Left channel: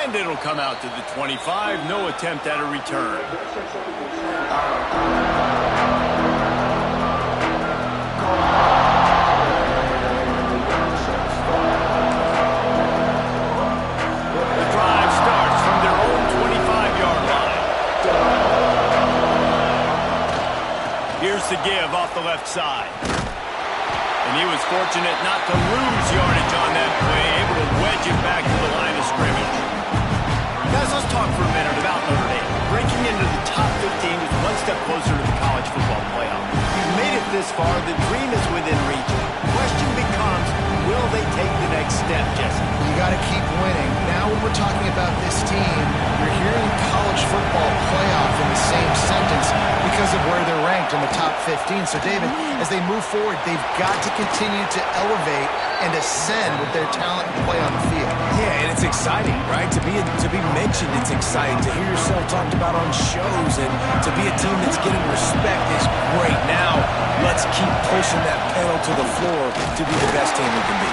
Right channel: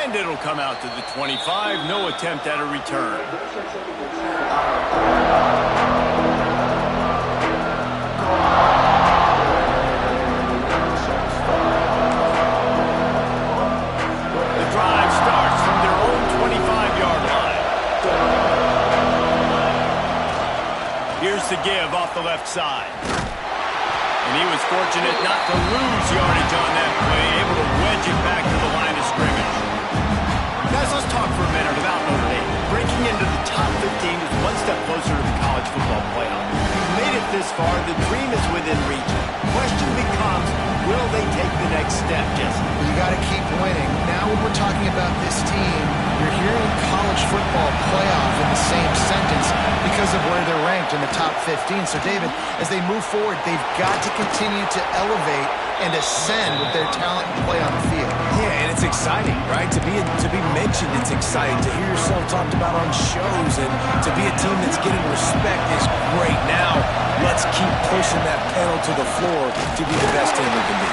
And it'll come out to the 25. No attempt at a return. The drive starts from their own 25-yard line. Here's the give off the left side. And he was fortunate not to lose yardage on that play, able to wedge it back to the line of scrimmage. Guys, let's talk for a minute about Notre Dame. Breaking into the top 15 is one step closer to the college football playoff. We've made it this far. The dream is within reach. Question becomes, will they take the next step, Jesse? You got to keep winning. Now when we're talking about this team, you're hearing college football playoff in the same sentence because of where they're ranked in the top 15. So, David, as they move forward, they've got to continue to elevate and ascend with their talent and play on the field. Yeah, and it's exciting, right? To be mentioned, it's exciting. To hear yourself talked about on shows and to be a team that's getting respect is great. Now, let's keep pushing that pedal to the floor to be the best team we can be.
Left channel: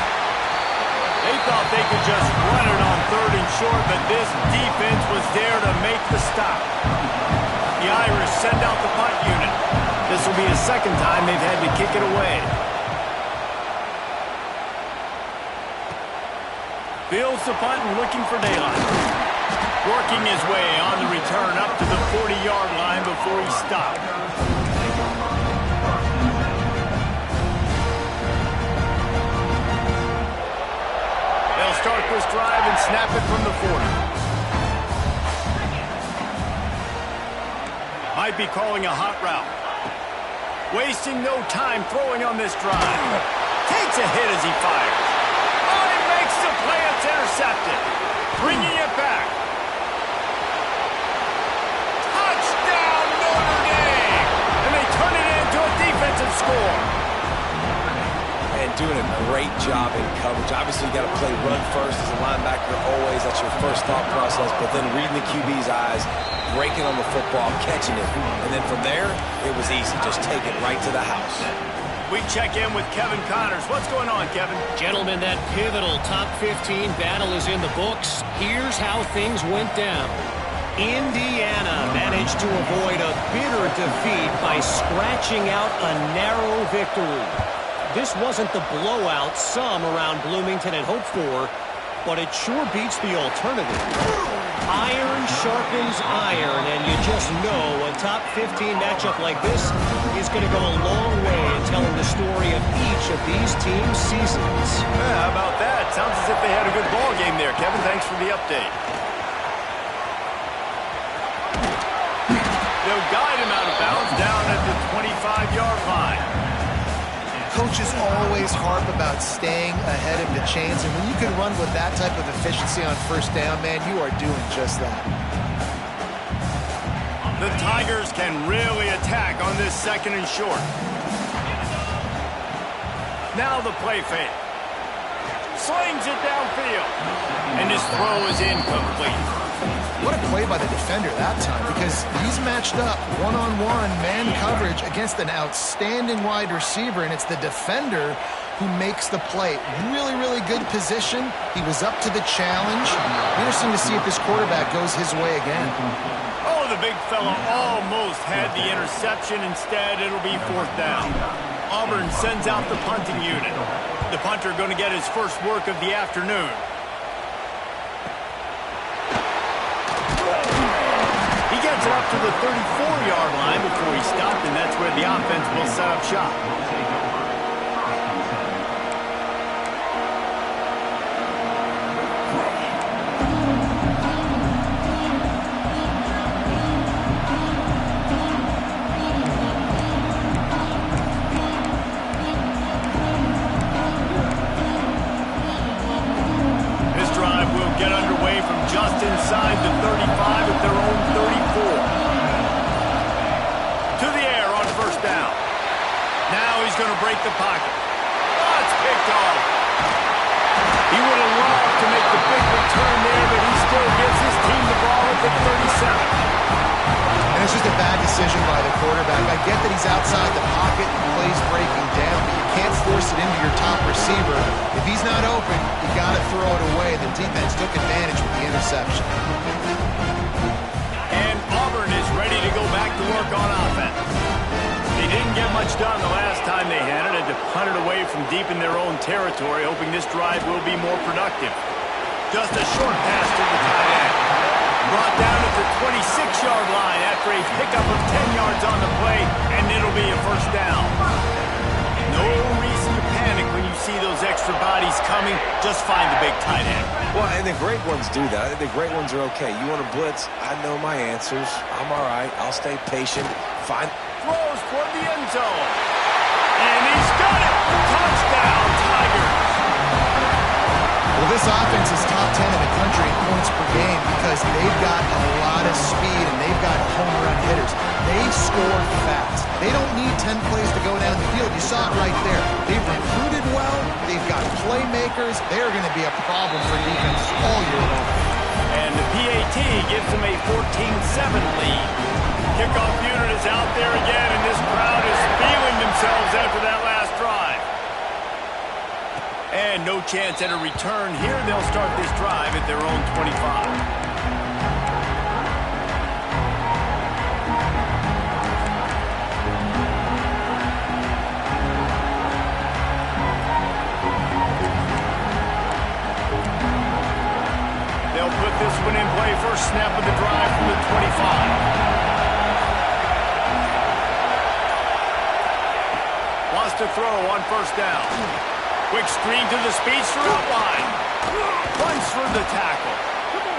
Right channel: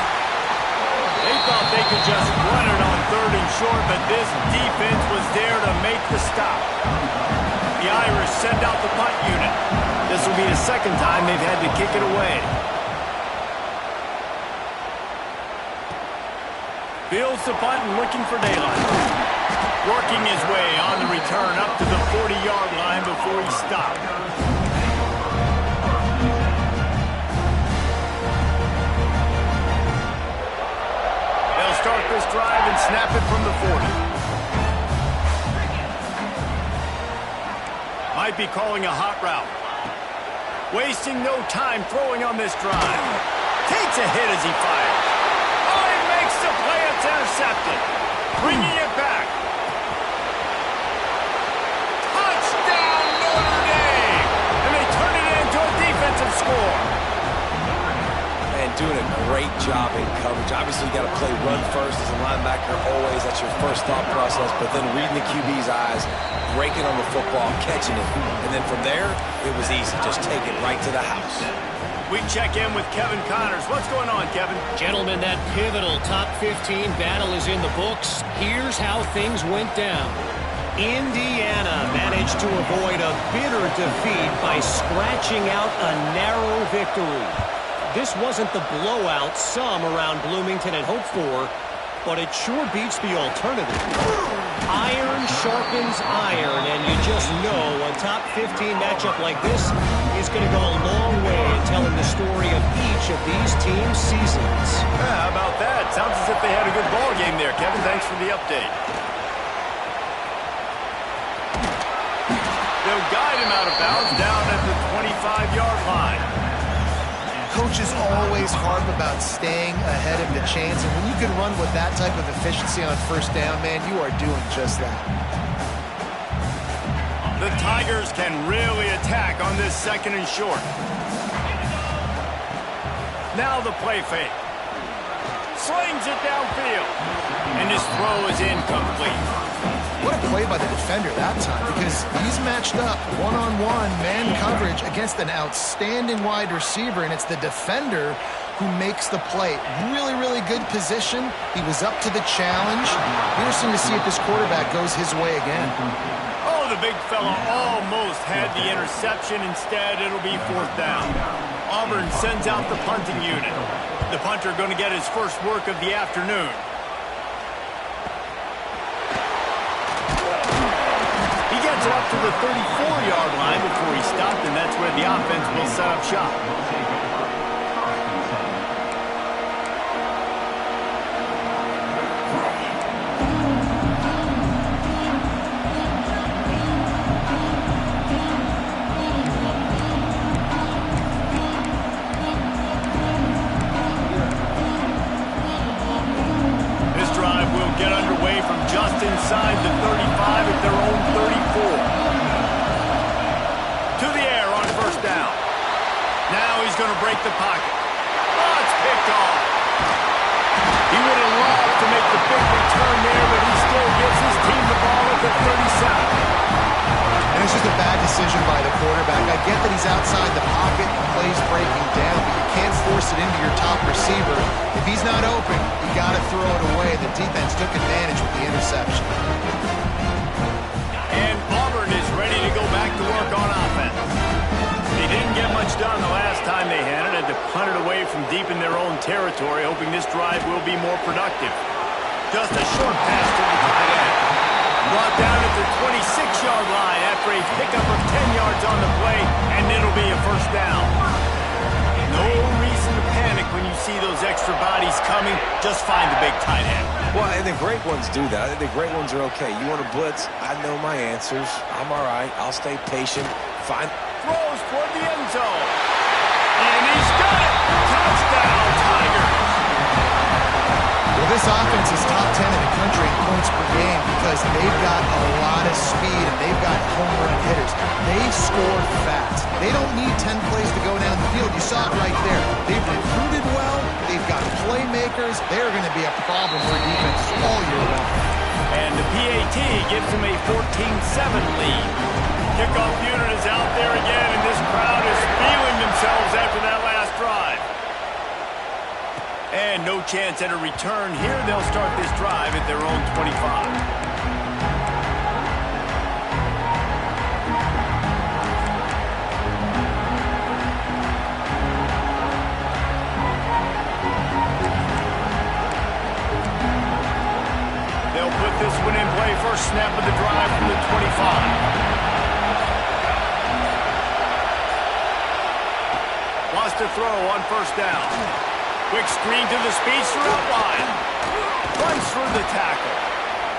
They thought they could just run it on 3rd and short, but this defense was there to make the stop. The Irish send out the punt unit. This will be the second time they've had to kick it away. Fields the punt and looking for daylight. Working his way on the return up to the 40-yard line before he stopped. They'll start this drive and snap it from the 40. Might be calling a hot route. Wasting no time throwing on this drive. Takes a hit as he fires. Oh, he makes the play. It's intercepted. Bringing it back. Touchdown, Notre Dame! And they turn it into a defensive score. And doing a great job in coverage. Obviously, you got to play run first as a linebacker always. That's your first thought process. But then reading the QB's eyes, breaking on the football, catching it. And then from there, it was easy. Just take it right to the house. We check in with Kevin Connors. What's going on, Kevin? Gentlemen, that pivotal top 15 battle is in the books. Here's how things went down. Indiana managed to avoid a bitter defeat by scratching out a narrow victory. This wasn't the blowout some around Bloomington had hoped for, but it sure beats the alternative. Iron sharpens iron, and you just know a top 15 matchup like this is going to go a long way in telling the story of each of these teams' seasons. Yeah, how about that? Sounds as if they had a good ball game there, Kevin. Thanks for the update. They'll guide him out of bounds down at the 25-yard line. Coaches always harp about staying ahead of the chains, and when you can run with that type of efficiency on first down, man, you are doing just that. The Tigers can really attack on this 2nd and short. Now the play fake. Slings it downfield. And his throw is incomplete. What a play by the defender that time, because he's matched up one-on-one man coverage against an outstanding wide receiver, and it's the defender who makes the play. Really, really good position. He was up to the challenge. Interesting to see if this quarterback goes his way again. Oh, the big fella almost had the interception. Instead, it'll be 4th down. Auburn sends out the punting unit. The punter going to get his first work of the afternoon. He gets it up to the 34-yard line before he stopped, and that's where the offense will set up shop. This drive will get underway from just inside the 35 at their own 34. To the air on 1st down. Now he's going to break the pocket. Oh, it's picked off. He would have loved to make the big return there, but he still gives his team the ball at the 37. And it's just a bad decision by the quarterback. I get that he's outside the pocket and plays breaking down, but you can't force it into your top receiver. If he's not open, you got to throw it away. The defense took advantage with the interception. And Auburn is ready to go back to work on offense. They didn't get much done the last time they had it. Had to punt it away from deep in their own territory, hoping this drive will be more productive. Just a short pass to the tight end. Brought down at the 26-yard line after a pickup of 10 yards on the play, and it'll be a first down. No reason to panic when you see those extra bodies coming. Just find the big tight end. Well, and the great ones do that. I think the great ones are okay. You want to blitz? I know my answers. I'm all right. I'll stay patient. Find throws toward the end zone. And he's got it. Touchdown, Tigers. Well, this offense is top 10 in the country in points per game because they've got a lot of speed and they've got home run hitters. They score fast. They don't need 10 plays to go down the field. You saw it right there. They've recruited well. They've got playmakers. They're going to be a problem for defenses all year long. And the PAT gives them a 14-7 lead. Kickoff unit is out there again, and this crowd is feeling themselves after that last drive. And no chance at a return here. They'll start this drive at their own 25. They'll put this one in play. First snap of the drive from the 25. Wants to throw on first down. Quick screen to the speedster out wide. Runs through the tackle.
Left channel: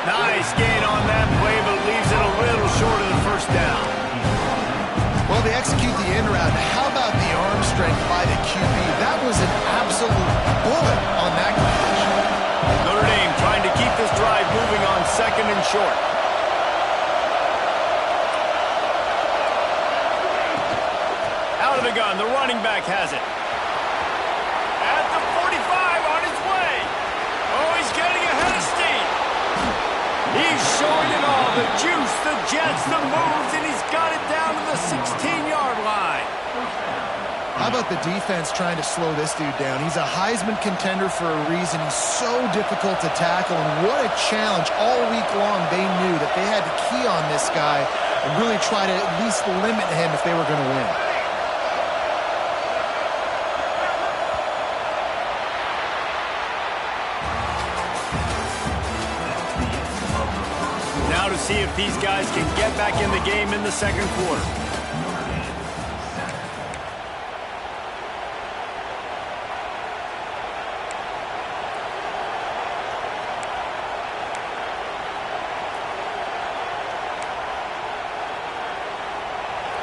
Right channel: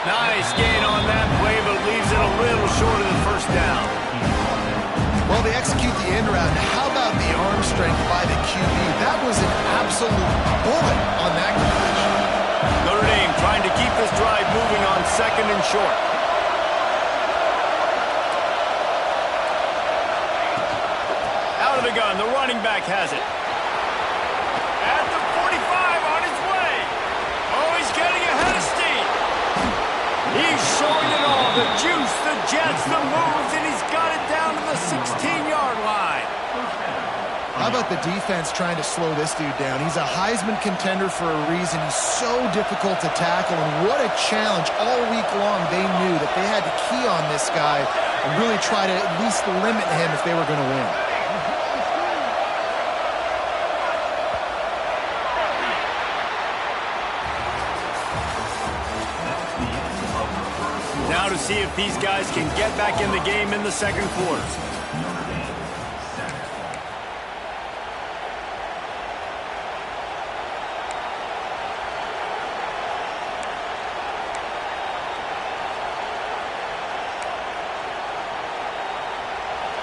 Nice gain on that play, but leaves it a little short of the first down. Well, they execute the end route. How about the arm strength by the QB? That was an absolute bullet on that completion. Notre Dame trying to keep this drive moving on second and short. Out of the gun, the running back has it. At the 45, on his way. Oh, he's getting ahead of steam. He's showing it all. The juice, the jets, the moves, and he's got it down to the 16-yard line. How about the defense trying to slow this dude down? He's a Heisman contender for a reason. He's so difficult to tackle, and what a challenge. All week long, they knew that they had to key on this guy and really try to at least limit him if they were going to win. Now to see if these guys can get back in the game in the second quarter.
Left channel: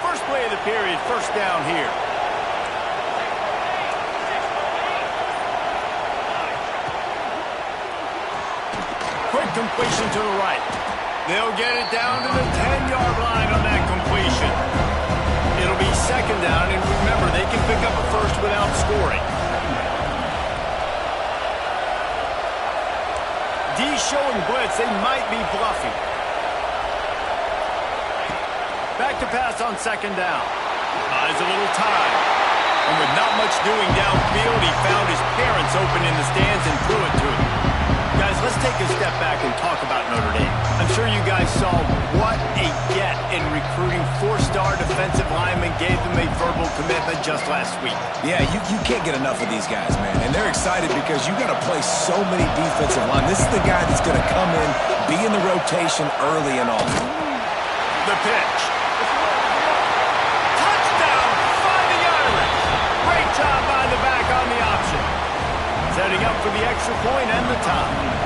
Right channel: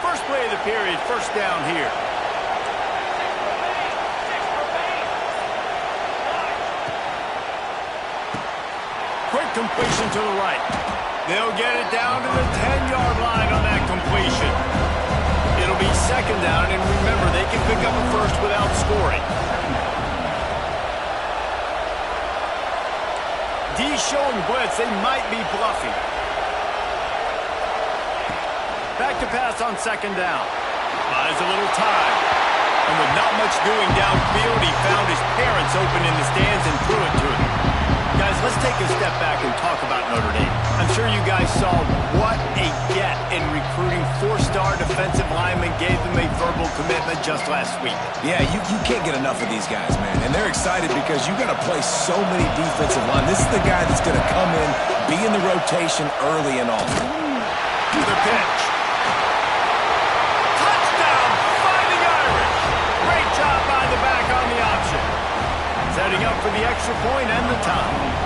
First play of the period, first down here. Quick completion to the right. They'll get it down to the 10-yard line on that completion. It'll be second down, and remember, they can pick up a first without scoring. D showing blitz. They might be bluffing. Back to pass on second down. Buys a little time. And with not much doing downfield, he found his parents open in the stands and threw it to him. Guys, let's take a step back and talk about Notre Dame. I'm sure you guys saw what a get in recruiting. Four-star defensive linemen gave them a verbal commitment just last week. Yeah, you can't get enough of these guys, man. And they're excited because you got to play so many defensive line. This is the guy that's going to come in, be in the rotation early and often. The pitch. Touchdown, Fighting Irish. Great job by the back on the option. Setting up for the extra point and the tie.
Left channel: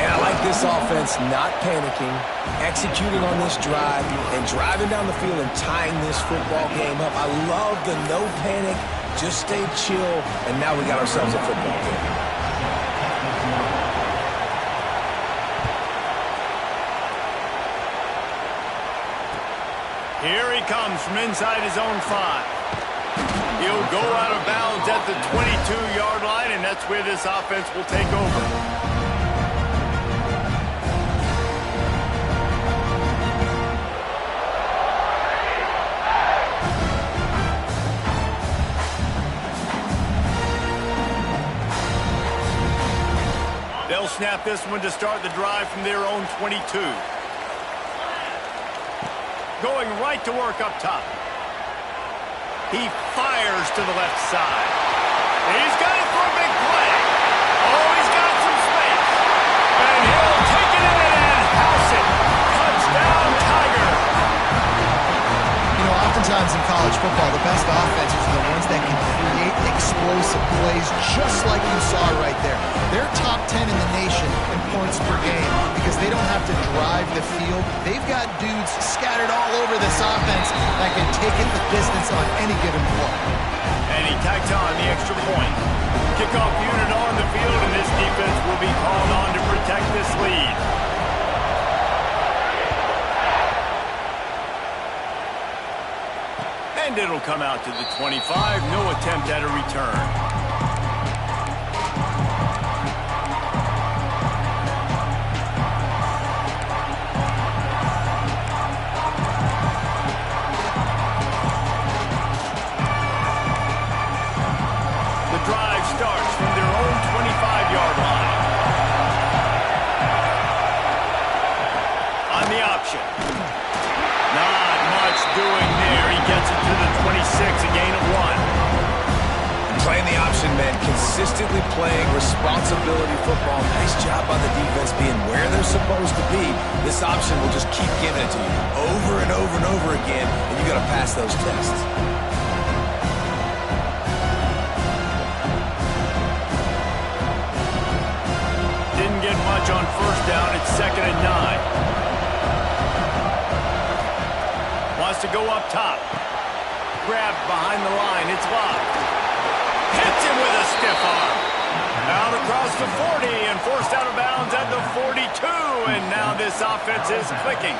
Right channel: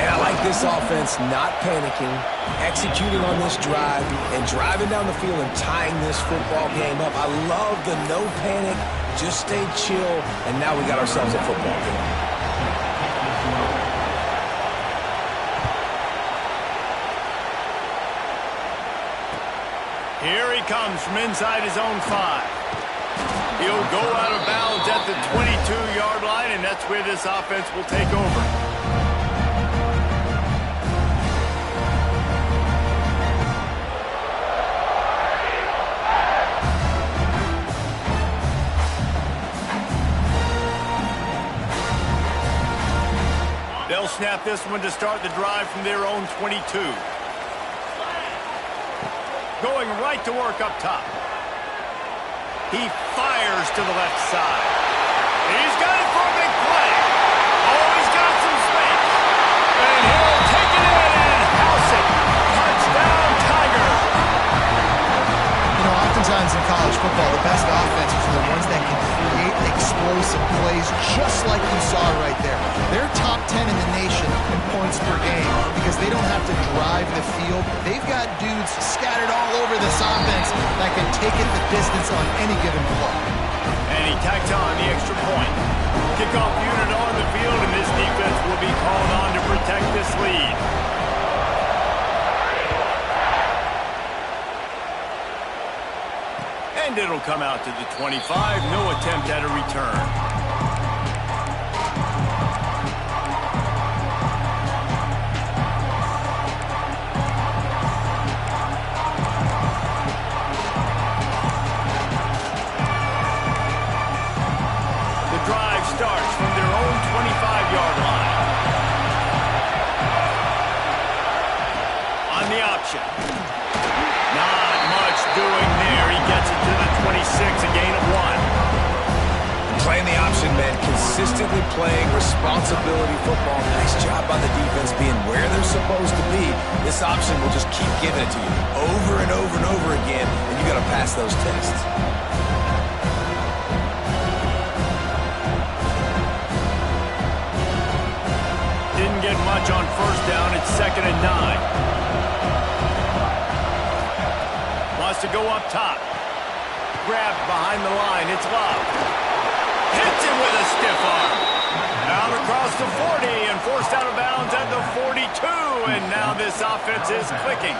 And I like this offense not panicking, executing on this drive, and driving down the field and tying this football game up. I love the no panic, just stay chill, and now we got ourselves a football game. Here he comes from inside his own 5. He'll go out of bounds at the 22-yard line, and that's where this offense will take over. They'll snap this one to start the drive from their own 22. Going right to work up top. He fires to the left side. He's got it for a big play. Oh, he's got some space. And he'll take it in and house it. Touchdown, Tiger. You know, oftentimes in college football, the best offenses are the ones that can create explosive plays just like you saw right there. They're top 10 in the nation in points per game because they don't have to drive the field. They've got dudes scattered all over this offense that can take it the distance on any given play. And he tacked on the extra point. Kickoff unit on the field, and this defense will be called on to protect this lead. And it'll come out to the 25. No attempt at a return. The drive starts from their own 25-yard line. On the option. Not much doing there. He gets it to the 26, a gain of 1. Playing the option, man. Consistently playing responsibility football. Nice job by the defense being where they're supposed to be. This option will just keep giving it to you over and over and over again, and you got to pass those tests. Didn't get much on first down. It's 2nd and 9. Wants to go up top. Grabbed behind the line. It's Love. Hits him with a stiff arm. Out across the 40 and forced out of bounds at the 42. And now this offense is clicking.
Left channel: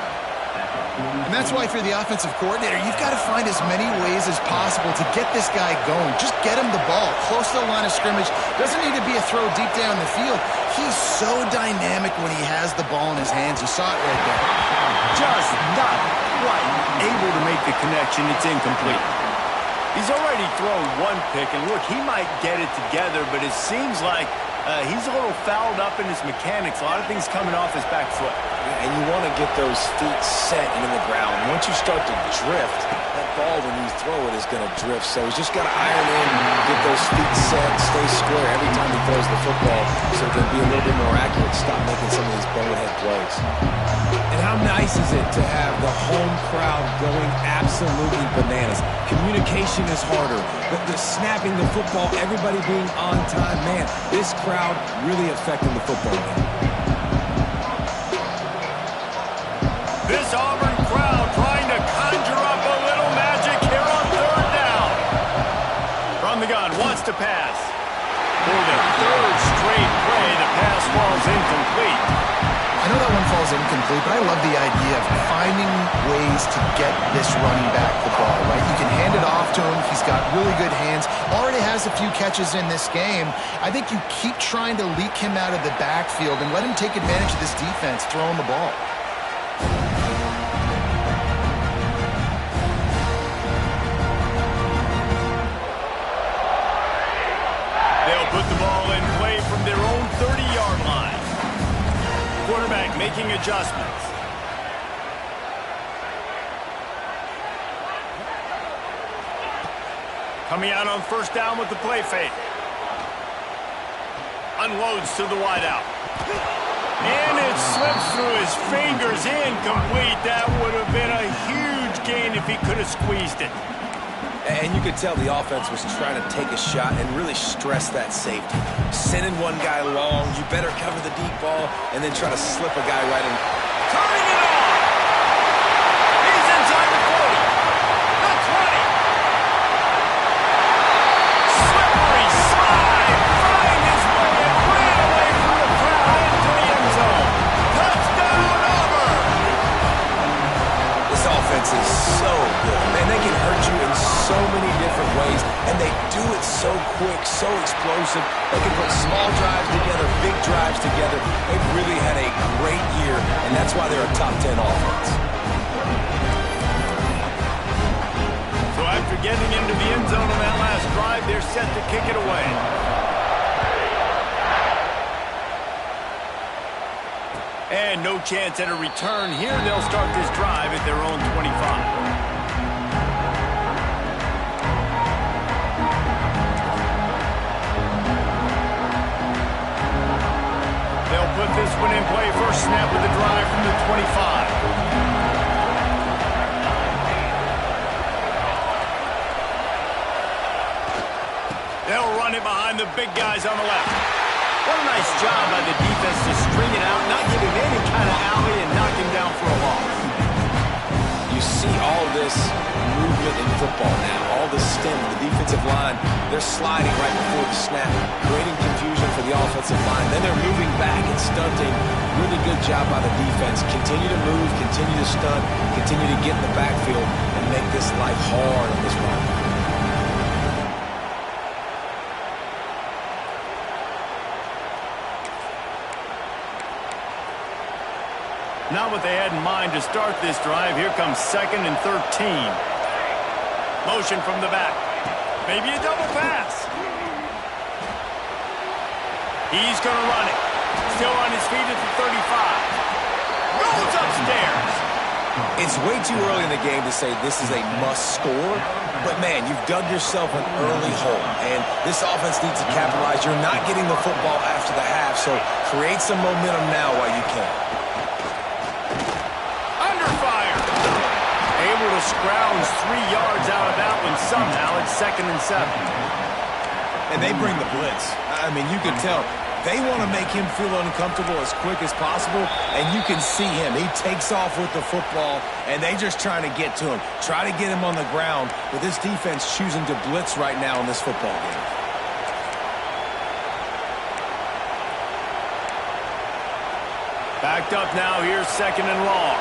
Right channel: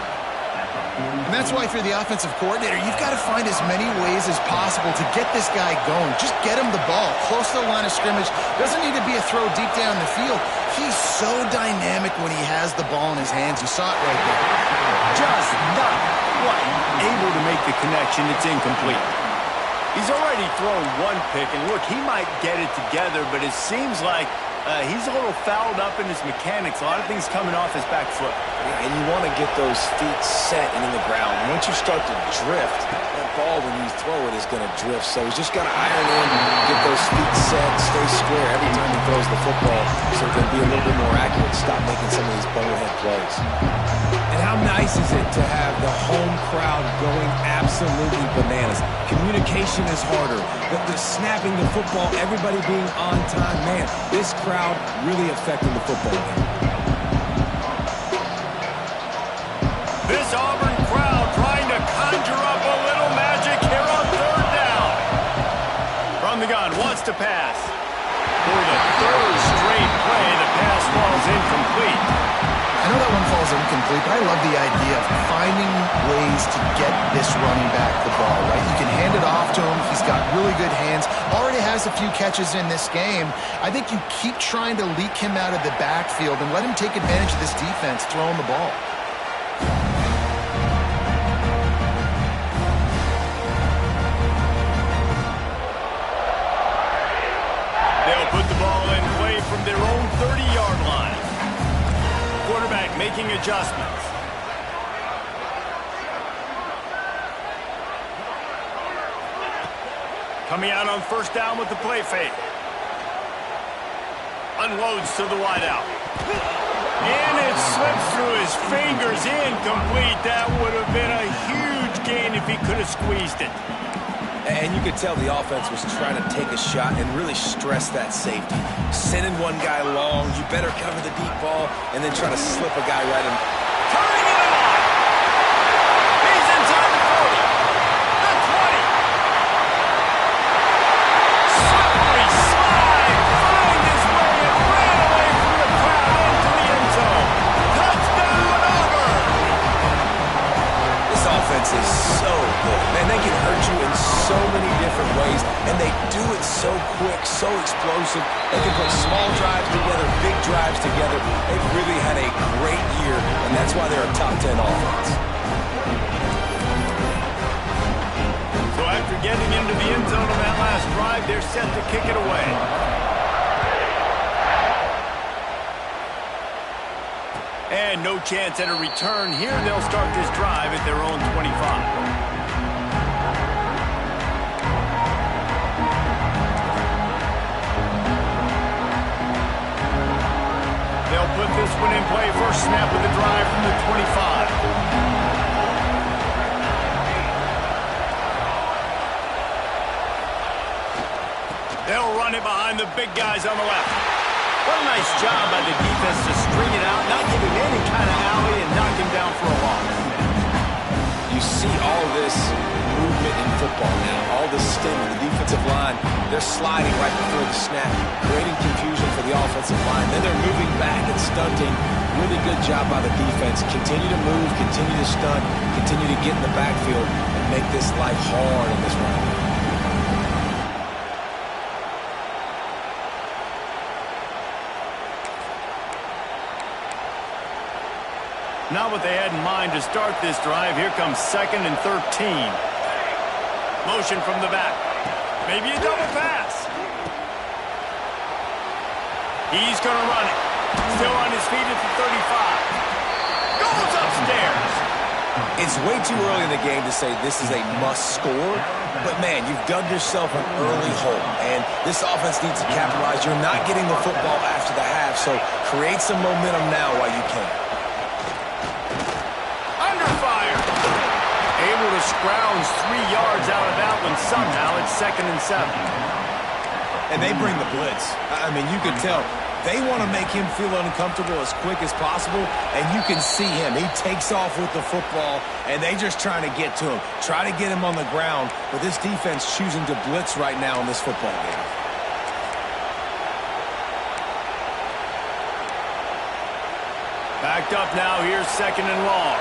And that's why if you're the offensive coordinator, you've got to find as many ways as possible to get this guy going. Just get him the ball close to the line of scrimmage. Doesn't need to be a throw deep down the field. He's so dynamic when he has the ball in his hands. You saw it right there. Just not quite able to make the connection. It's incomplete. He's already thrown one pick, and look, he might get it together, but it seems like he's a little fouled up in his mechanics. A lot of things coming off his back foot. Yeah, and you want to get those feet set and in the ground. Once you start to drift, that ball, when you throw it, is going to drift. So he's just got to iron in, get those feet set, stay square every time he throws the football so he can be a little bit more accurate, stop making some of these bonehead plays. And how nice is it to have the home crowd going absolutely bananas? Communication is harder. The snapping the football, everybody being on time. Man, this crowd really affecting the football game. This Auburn crowd trying to conjure up a little magic here on 3rd down. From the gun, wants to pass. For the 3rd straight play, the pass falls incomplete. I know that one falls incomplete, but I love the idea of finding ways to get this running back the ball, right? You can hand it off to him. He's got really good hands. Already has a few catches in this game. I think you keep trying to leak him out of the backfield and let him take advantage of this defense throwing the ball. They'll put the ball in play from their own 30-yard line. Quarterback making adjustments. Coming out on 1st down with the play fake. Unloads to the wideout. And it slips through his fingers, incomplete. That would have been a huge gain if he could have squeezed it. And you could tell the offense was trying to take a shot and really stress that safety. Sending one guy long, you better cover the deep ball, and then try to slip a guy right in. Turning it on! He's inside the 40, the 20. Slippery slide, find his way and ran away from the crowd into the end zone. Touchdown, Auburn! This offense is so good. Man, they can hurt you in so many different ways, and they do it so quick, so explosive. They can put small drives together, big drives together. They've really had a great year, and that's why they're a top 10 offense. So after getting into the end zone on that last drive, they're set to kick it away. And no chance at a return here. They'll start this drive at their own 25. Put this one in play. First snap of the drive from the 25. They'll run it behind the big guys on the left. What a nice job by the defense to string it out, not give him any kind of alley, and knock him down for a loss. You see all this movement in football now, all the stem, the defensive line, they're sliding right before the snap, creating confusion for the offensive line. Then they're moving back and stunting. Really good job by the defense. Continue to move, continue to stunt, continue to get in the backfield and make this life hard on this run. Not what they had in mind to start this drive. Here comes 2nd and 13. Motion from the back. Maybe a double pass. He's going to run it. Still on his feet at the 35. Goes upstairs. It's way too early in the game to say this is a must score. But, man, you've dug yourself an early hole. And this offense needs to capitalize. You're not getting the football after the half, so create some momentum now while you can. Able to scrounge 3 yards out of that one somehow. It's 2nd and 7. And they bring the blitz. I mean, you can tell they want to make him feel uncomfortable as quick as possible, and you can see him. He takes off with the football, and they just trying to get to him, try to get him on the ground, but this defense choosing to blitz right now in this football game. Backed up now. Here's 2nd and long.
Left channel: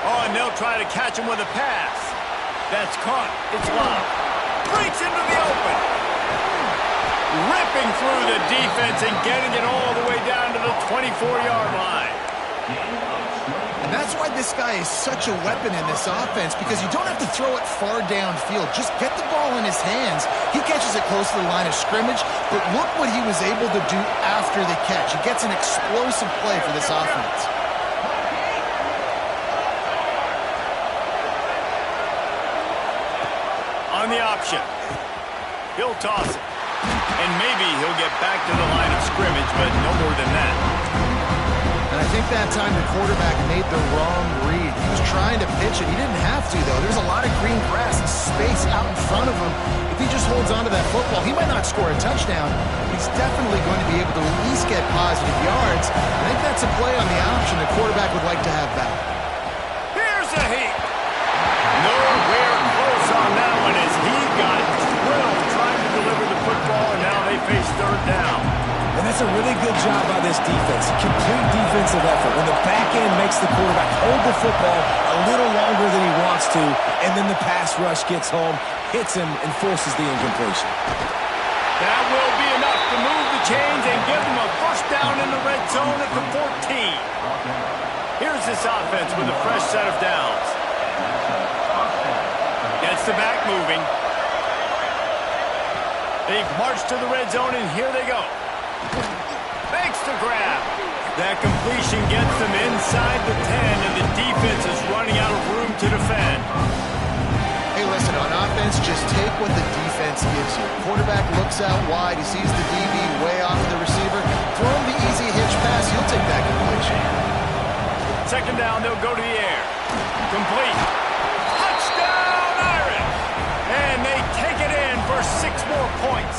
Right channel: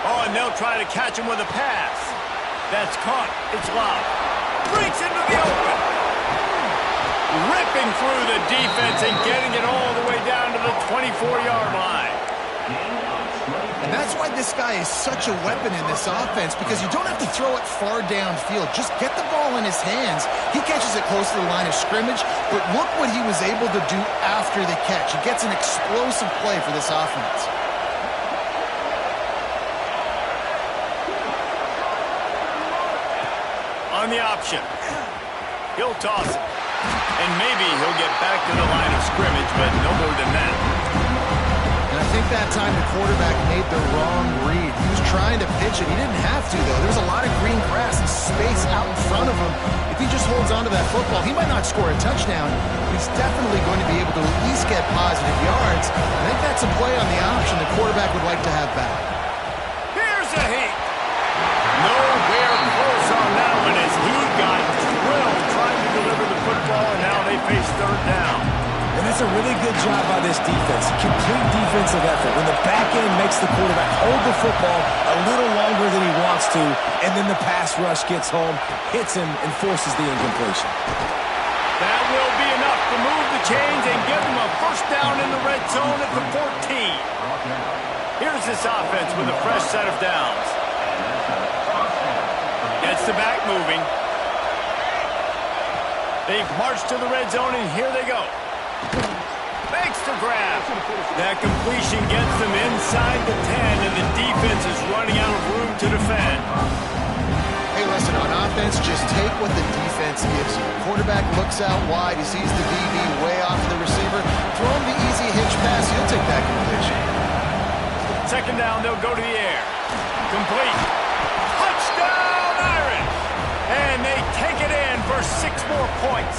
Oh, and they'll try to catch him with a pass. That's caught. It's locked. Breaks into the open. Ripping through the defense and getting it all the way down to the 24-yard line. And that's why this guy is such a weapon in this offense, because you don't have to throw it far downfield. Just get the ball in his hands. He catches it close to the line of scrimmage, but look what he was able to do after the catch. He gets an explosive play for this offense. On the option. He'll toss it. And maybe he'll get back to the line of scrimmage, but no more than that. And I think that time the quarterback made the wrong read. He was trying to pitch it. He didn't have to, though. There's a lot of green grass and space out in front of him. If he just holds on to that football, he might not score a touchdown, but he's definitely going to be able to at least get positive yards. I think that's a play on the option the quarterback would like to have back. Here's a heat. Nowhere close on that one as he got drilled trying to deliver the football, and now they face 3rd down. And that's a really good job by this defense. A complete defensive effort. When the back end makes the quarterback hold the football a little longer than he wants to, and then the pass rush gets home, hits him, and forces the incompletion. That will be enough to move the chains and give them a 1st down in the red zone at the 14. Here's this offense with a fresh set of downs. Gets the back moving. They've marched to the red zone, and here they go. Makes the grab. That completion gets them inside the 10, and the defense is running out of room to defend. Hey, listen, on offense, just take what the defense gives you. Quarterback looks out wide. He sees the DB way off of the receiver. Throw him the easy hitch pass. He'll take that completion. 2nd down, they'll go to the air. Complete. Touchdown, Irish! And they take it in for 6 more points.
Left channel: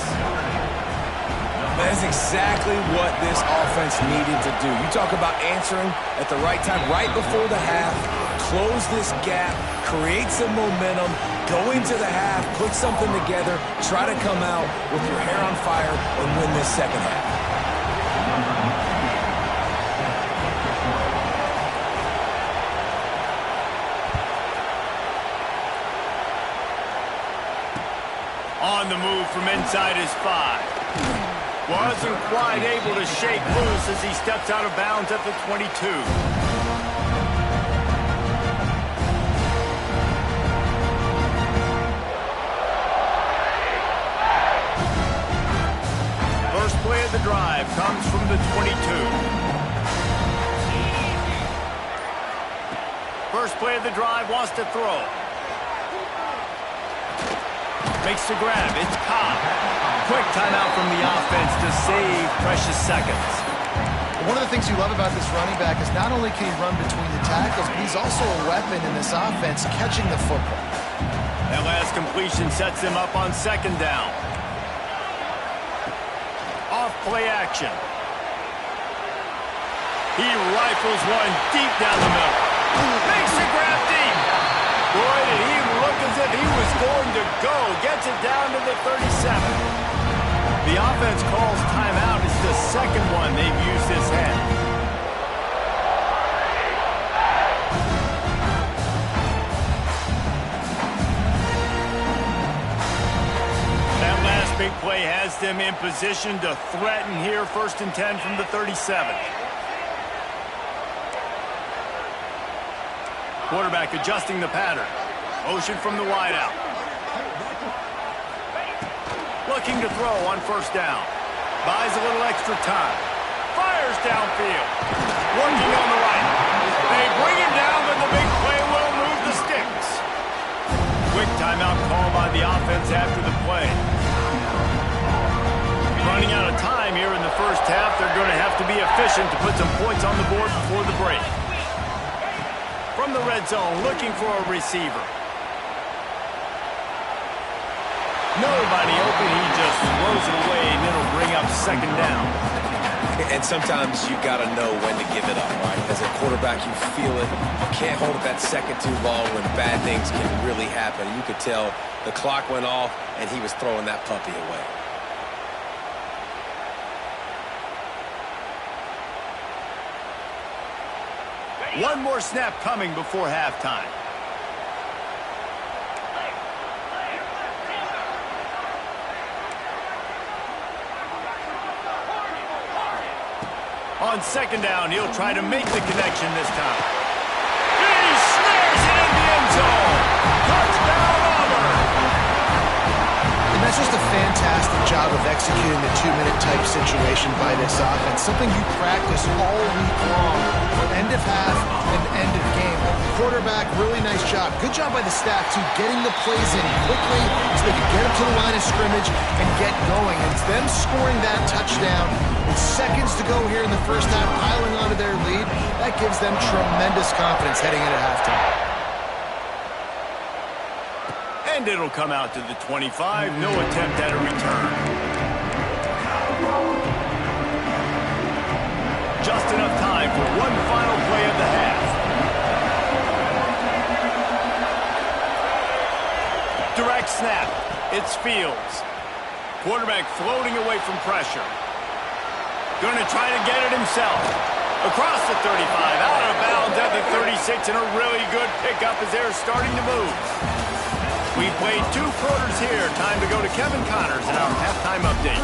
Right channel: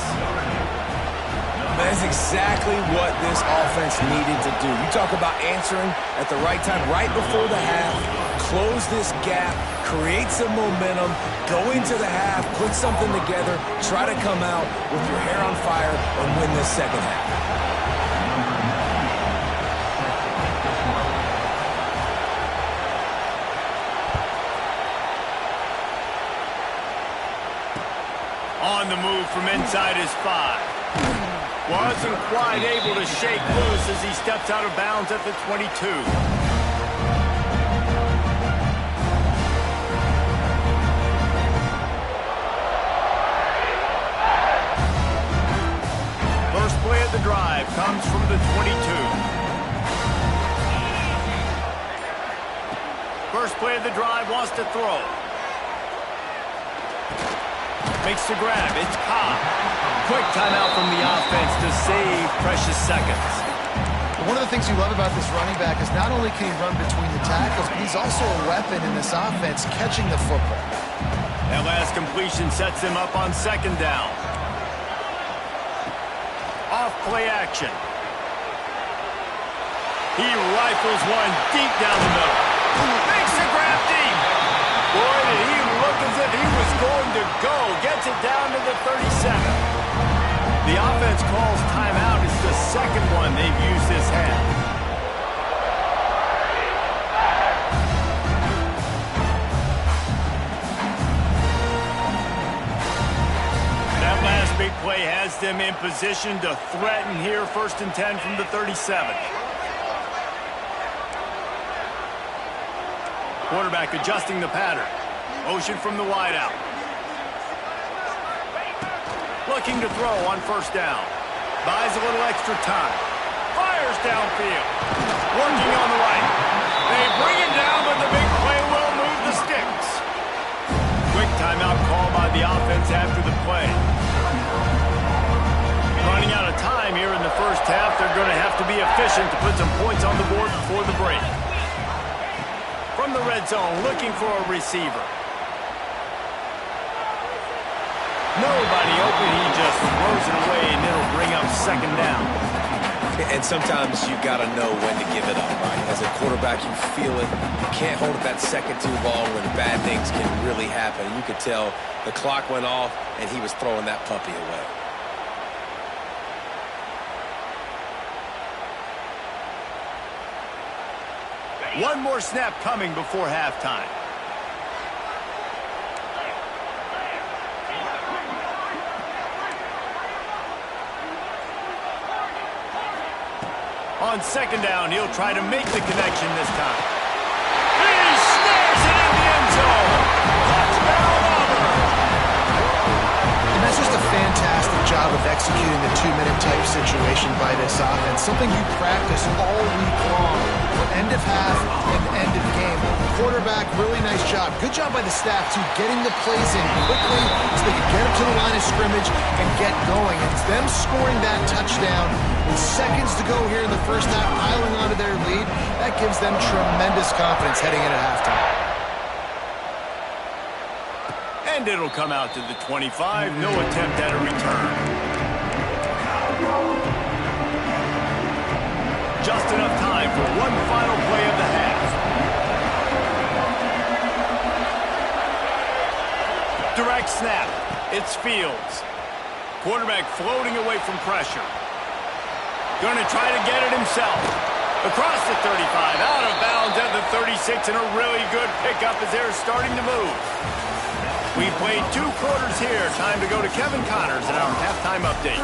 That is exactly what this offense needed to do. You talk about answering at the right time, right before the half, close this gap, create some momentum, go into the half, put something together, try to come out with your hair on fire and win this 2nd half. On the move from inside his 5. Wasn't quite able to shake loose as he steps out of bounds at the 22. First play of of the drive comes from the 22. First play of the drive wants to throw. Makes the grab. It's Cobb. Quick timeout from the offense to save precious seconds. One of the things you love about this running back is not only can he run between the tackles, but he's also a weapon in this offense catching the football. That last completion sets him up on second down. Off play action. He rifles one deep down the middle. Makes the grab deep. Boy, did he look as if he was going to go. Gets it down to the 37. The offense calls timeout. It's the second one they've used this half. That last big play has them in position to threaten here. 1st and 10 from the 37. Quarterback adjusting the pattern. Motion from the wideout. Looking to throw on 1st down. Buys a little extra time. Fires downfield. Working on the right. They bring it down, but the big play will move the sticks. Quick timeout call by the offense after the play. Running out of time here in the first half. They're going to have to be efficient to put some points on the board before the break. From the red zone, looking for a receiver. Nobody open, he just throws it away, and it'll bring up 2nd down. And sometimes you got to know when to give it up, right? As a quarterback, you feel it. You can't hold it that second too long when bad things can really happen. And you could tell the clock went off, and he was throwing that puppy away. One more snap coming before halftime. On 2nd down, he'll try to make the connection this time. He snares it in the end zone. Touchdown, Auburn. And that's just a fantastic job of executing the 2-minute type situation by this offense. Something you practice all week long for end of half and end of game. Quarterback, really nice job. Good job by the staff, too, getting the plays in quickly so they can get up to the line of scrimmage and get going. And it's them scoring that touchdown with seconds to go here in the first half, piling onto their lead. That gives them tremendous confidence heading into halftime. And it'll come out to the 25. No attempt at a return. Just enough time for one final play of the half. Direct snap. It's Fields. Quarterback floating away from pressure. Going to try to get it himself. Across the 35, out of bounds at the 36, and a really good pickup as they're starting to move. We played 2 quarters here. Time to go to Kevin Connors in our halftime update.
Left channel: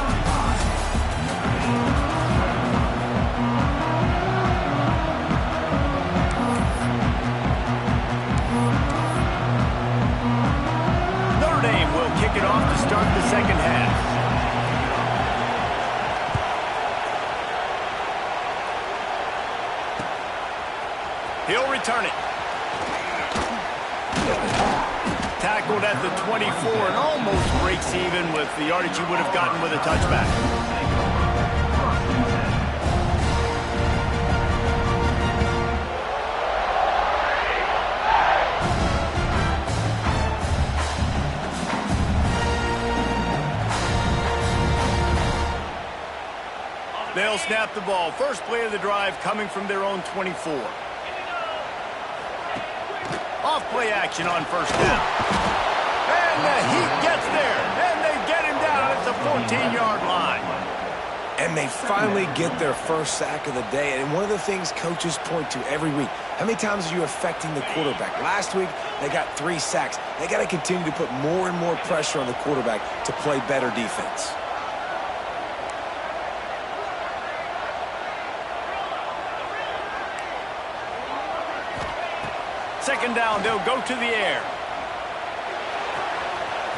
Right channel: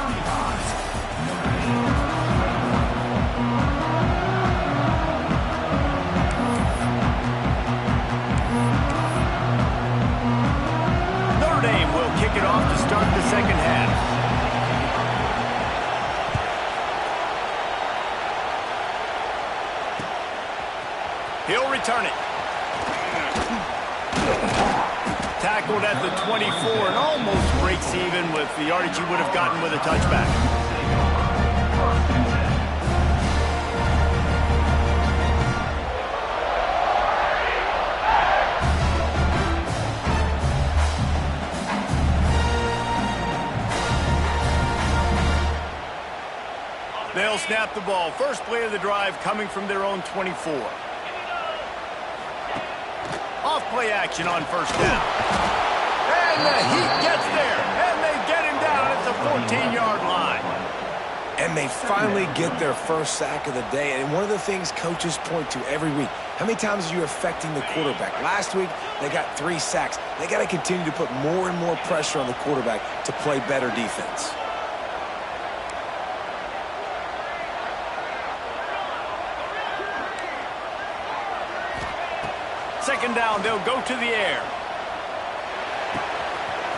Notre Dame will kick it off to start the second half. He'll return it. Tackled at the 24 and almost breaks even with the yardage he would have gotten with a touchback. They'll snap the ball. First play of the drive coming from their own 24. Off play action on 1st down. And the Heat gets there. And they get him down at the 14-yard line. And they finally get their first sack of the day. And one of the things coaches point to every week, how many times are you affecting the quarterback? Last week, they got 3 sacks. They got to continue to put more and more pressure on the quarterback to play better defense. Second down, they'll go to the air.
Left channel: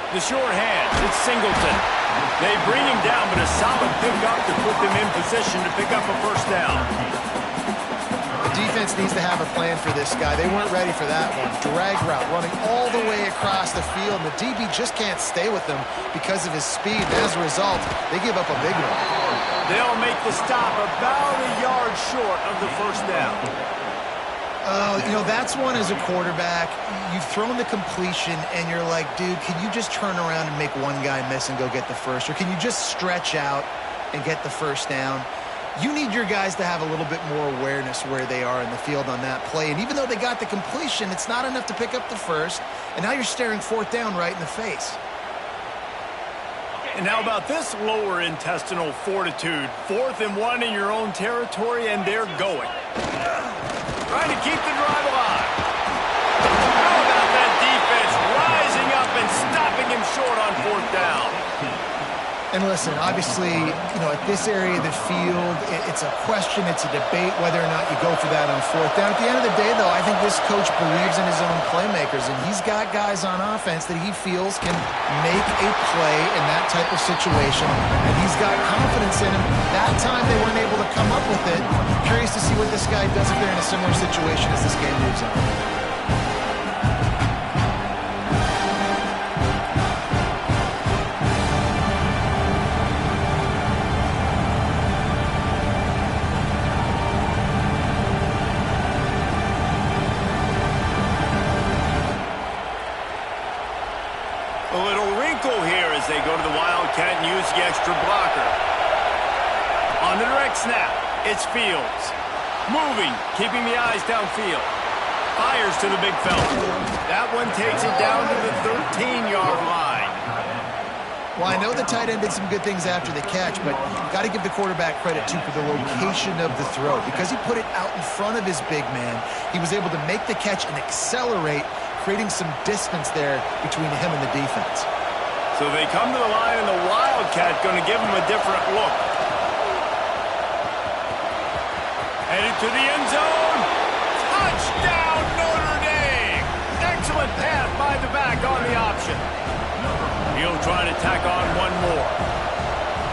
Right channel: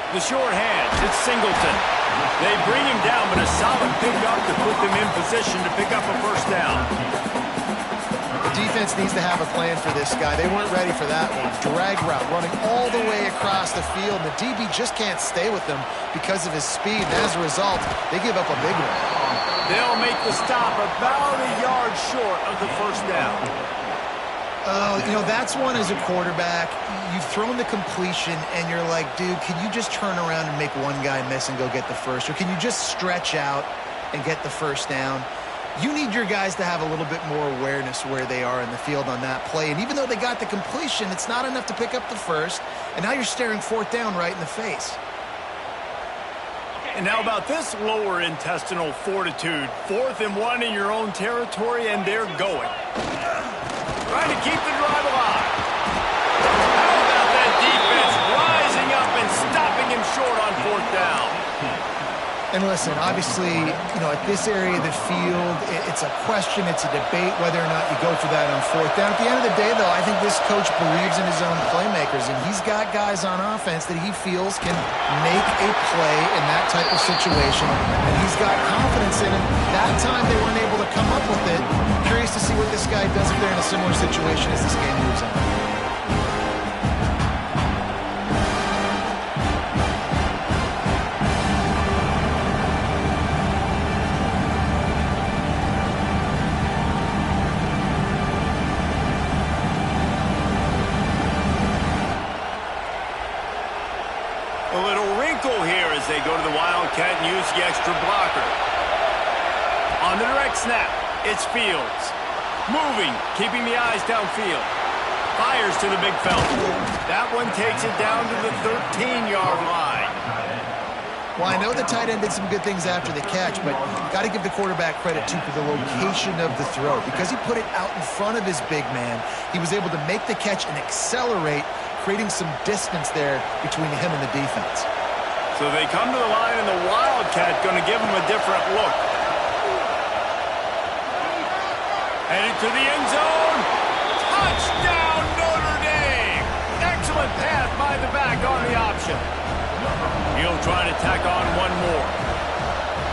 The short hands, it's Singleton. They bring him down, but a solid pickup to put them in position to pick up a first down. The defense needs to have a plan for this guy. They weren't ready for that one. Drag route, running all the way across the field. And the DB just can't stay with them because of his speed. And as a result, they give up a big one. They'll make the stop about a yard short of the first down. You know, that's one as a quarterback. You've thrown the completion, and you're like, dude, can you just turn around and make one guy miss and go get the first? Or can you just stretch out and get the first down? You need your guys to have a little bit more awareness where they are in the field on that play. And even though they got the completion, it's not enough to pick up the first. And now you're staring fourth down right in the face. And how about this lower intestinal fortitude? 4th and 1 in your own territory, and they're going. Trying to keep the drive alive. How about that defense rising up and stopping him short on 4th down? And listen, obviously, you know, at this area of the field, it's a question, it's a debate whether or not you go for that on 4th down. At the end of the day, though, I think this coach believes in his own playmakers, and he's got guys on offense that he feels can make a play in that type of situation, and he's got confidence in him. That time they weren't able to come up with it. Curious to see what this guy does if they're in a similar situation as this game moves on. A little wrinkle here as they go to the Wildcat and use the extra blocker. On the direct snap, it's Fields. Moving, keeping the eyes downfield. Fires to the big fella. That one takes it down to the 13-yard line. Well, I know the tight end did some good things after the catch, but got to give the quarterback credit, too, for the location of the throw. Because he put it out in front of his big man, he was able to make the catch and accelerate, creating some distance there between him and the defense. So they come to the line, and the Wildcat going to give him a different look. Headed to the end zone. Touchdown, Notre Dame! Excellent pass by the back on the option. He'll try to tack on one more.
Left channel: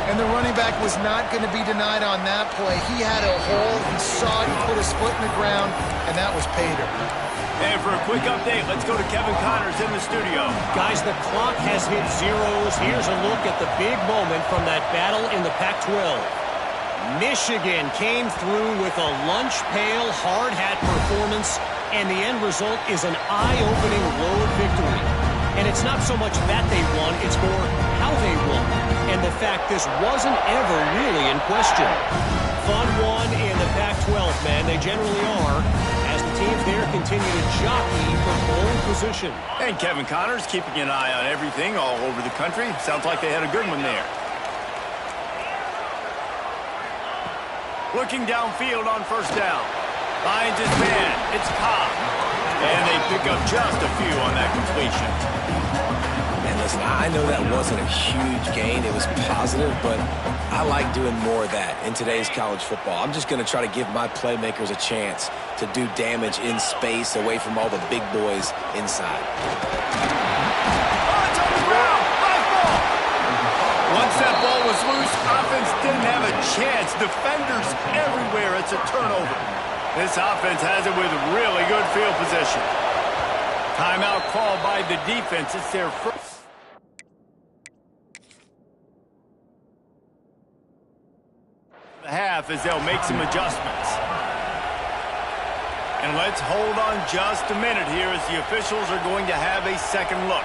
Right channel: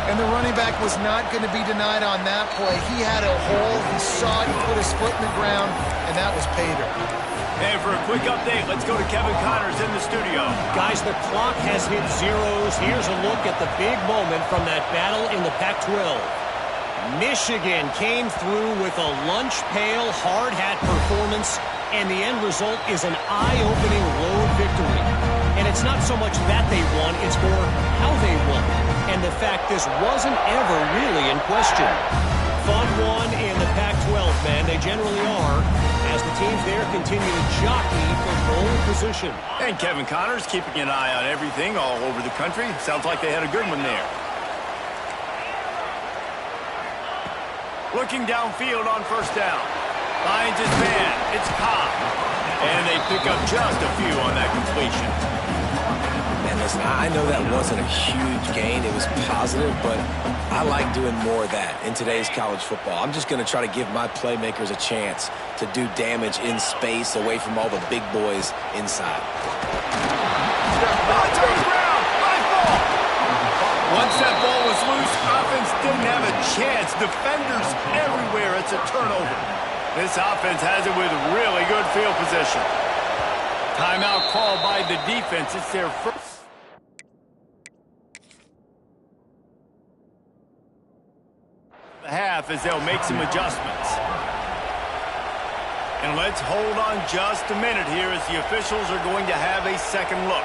And the running back was not going to be denied on that play. He had a hole. He saw it. He put his foot in the ground, and that was pay dirt. And for a quick update, let's go to Kevin Connors in the studio. Guys, the clock has hit zeros. Here's a look at the big moment from that battle in the Pac-12. Michigan came through with a lunch pail, hard hat performance, and the end result is an eye-opening road victory. And it's not so much that they won, it's more how they won. And the fact this wasn't ever really in question. Fun one in the Pac-12, man. They generally are, as the teams there continue to jockey for pole position. And Kevin Connors keeping an eye on everything all over the country. Sounds like they had a good one there. Looking downfield on first down. Finds his man. It's Cobb. And they pick up just a few on that completion. Man, listen, I know that wasn't a huge gain. It was positive, but I like doing more of that in today's college football. I'm just going to try to give my playmakers a chance to do damage in space away from all the big boys inside. Oh, it's on the ground. Live ball. Once that ball was loose, offense didn't have a chance. Defenders everywhere. It's a turnover. This offense has it with really good field position. Timeout called by the defense. It's their first. The half as they'll make some adjustments. And let's hold on just a minute here as the officials are going to have a second look.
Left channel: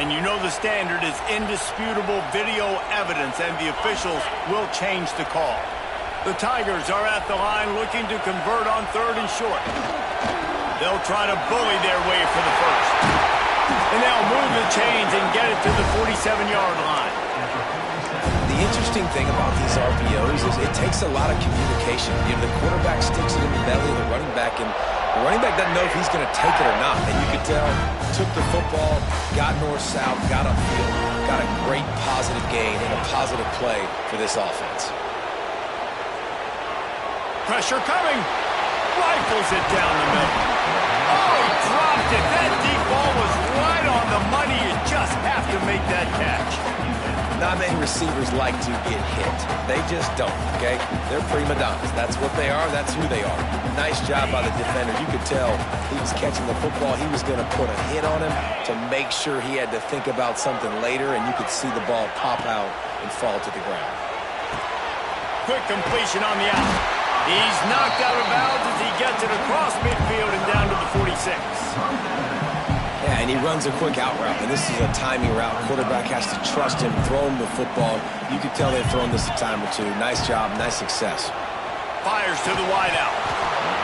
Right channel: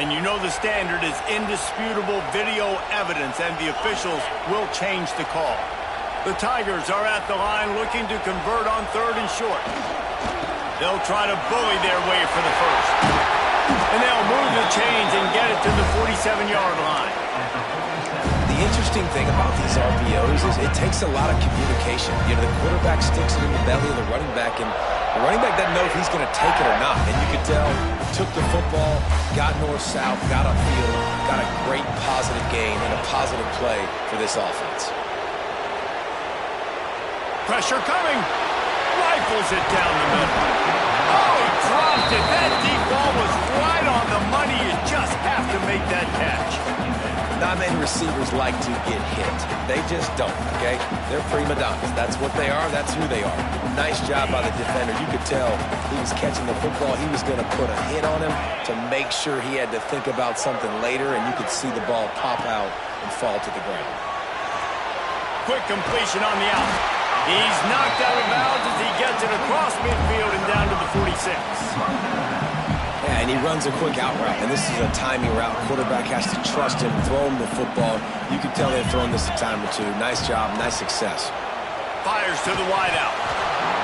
And you know the standard is indisputable video evidence, and the officials will change the call. The Tigers are at the line looking to convert on 3rd and short. They'll try to bully their way for the first. And they'll move the chains and get it to the 47-yard line. The interesting thing about these RPOs is it takes a lot of communication. You know, the quarterback sticks it in the belly of the running back, and the running back doesn't know if he's going to take it or not. And you could tell, took the football, got north-south, got upfield, got a great positive gain and a positive play for this offense. Pressure coming. Rifles it down the middle. Oh, he dropped it. That deep ball was right on the money. You just have to make that catch. Not many receivers like to get hit. They just don't, okay? They're prima donnas. That's what they are. That's who they are. Nice job by the defender. You could tell he was catching the football. He was going to put a hit on him to make sure he had to think about something later, and you could see the ball pop out and fall to the ground. Quick completion on the out. He's knocked out of bounds as he gets it across midfield and down to the 46. Yeah, and he runs a quick out route, and this is a timing route. Quarterback has to trust him, throw him the football. You can tell they've thrown this a time or two. Nice job, nice success. Fires to the wideout.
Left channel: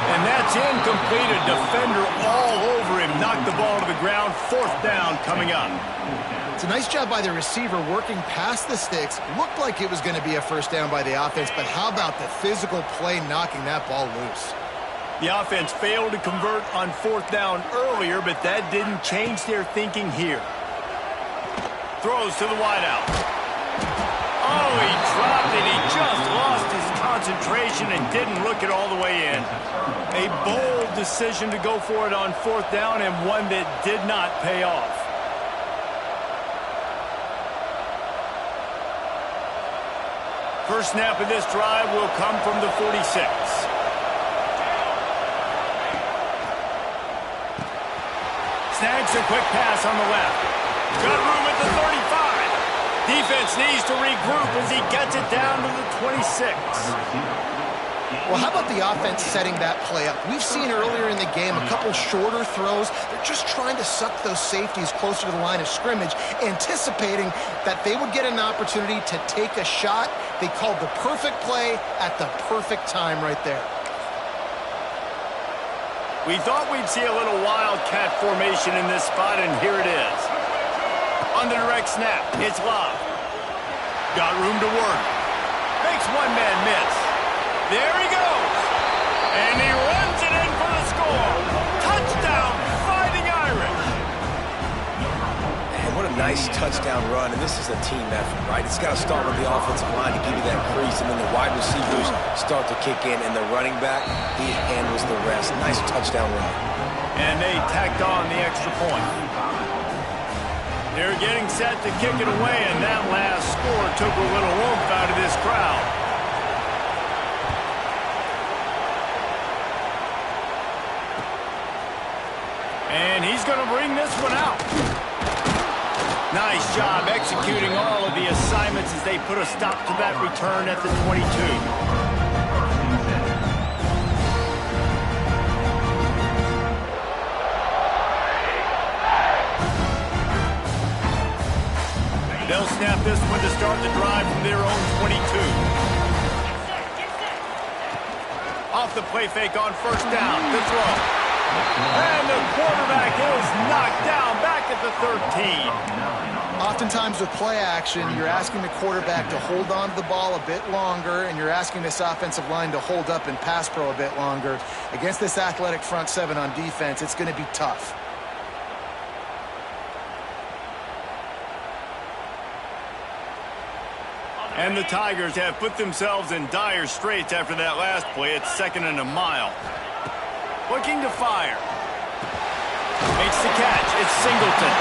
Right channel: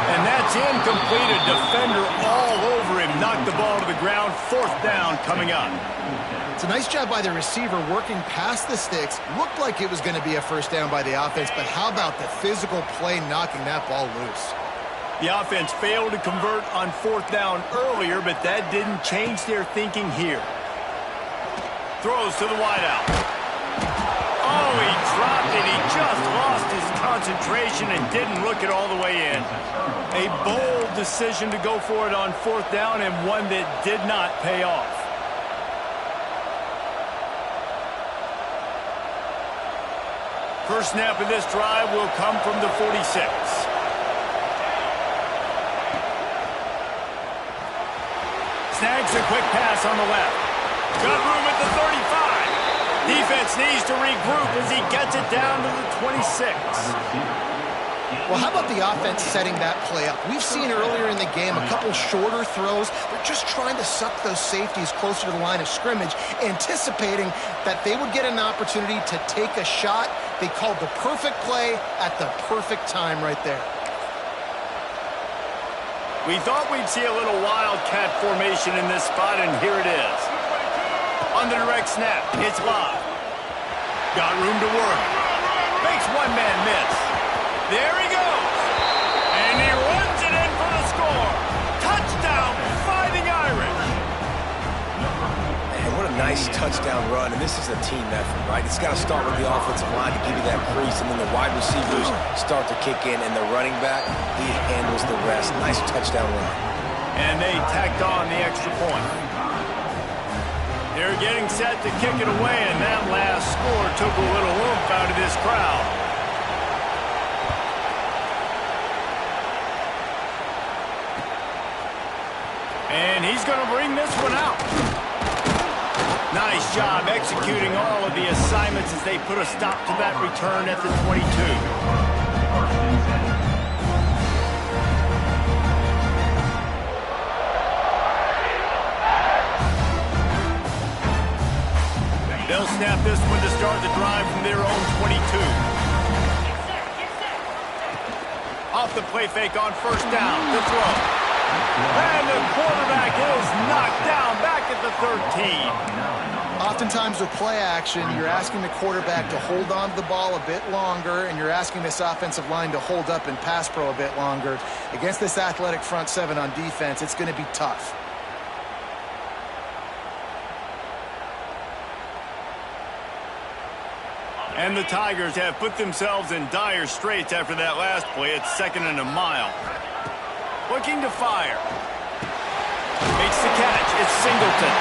And that's incomplete. A defender all over him. Knocked the ball to the ground. 4th down coming up. It's a nice job by the receiver working past the sticks. Looked like it was going to be a first down by the offense, but how about the physical play knocking that ball loose? The offense failed to convert on 4th down earlier, but that didn't change their thinking here. Throws to the wideout. Oh, he dropped it. He just lost his concentration and didn't look it all the way in. A bold decision to go for it on 4th down, and one that did not pay off. First snap of this drive will come from the 46. Snags a quick pass on the left. Got room at the 35. Defense needs to regroup as he gets it down to the 26. Well, how about the offense setting that play up? We've seen earlier in the game a couple shorter throws. They're just trying to suck those safeties closer to the line of scrimmage, anticipating that they would get an opportunity to take a shot. They called the perfect play at the perfect time right there. We thought we'd see a little wildcat formation in this spot, and here it is. On the direct snap, it's Love. Got room to work. Makes one man miss. There he goes. And he runs it in for the score. Touchdown, Fighting Irish. Man, what a nice touchdown run, and this is a team effort, right? It's got to start with the offensive line to give you that crease, and then the wide receivers start to kick in, and the running back, he handles the rest. Nice touchdown run. And they tacked on the extra point. They're getting set to kick it away, and that last score took a little oomph out of this crowd. And he's going to bring this one out. Nice job executing all of the assignments as they put a stop to that return at the 22. They'll snap this one to start the drive from their own 22. Off the play fake on 1st down, the throw. And the quarterback is knocked down back at the 13. Oftentimes with play action, you're asking the quarterback to hold on to the ball a bit longer, and you're asking this offensive line to hold up in pass pro a bit longer. Against this athletic front seven on defense, it's going to be tough. And the Tigers have put themselves in dire straits after that last play. It's 2nd and a mile. Looking to fire. Makes the catch. It's Singleton.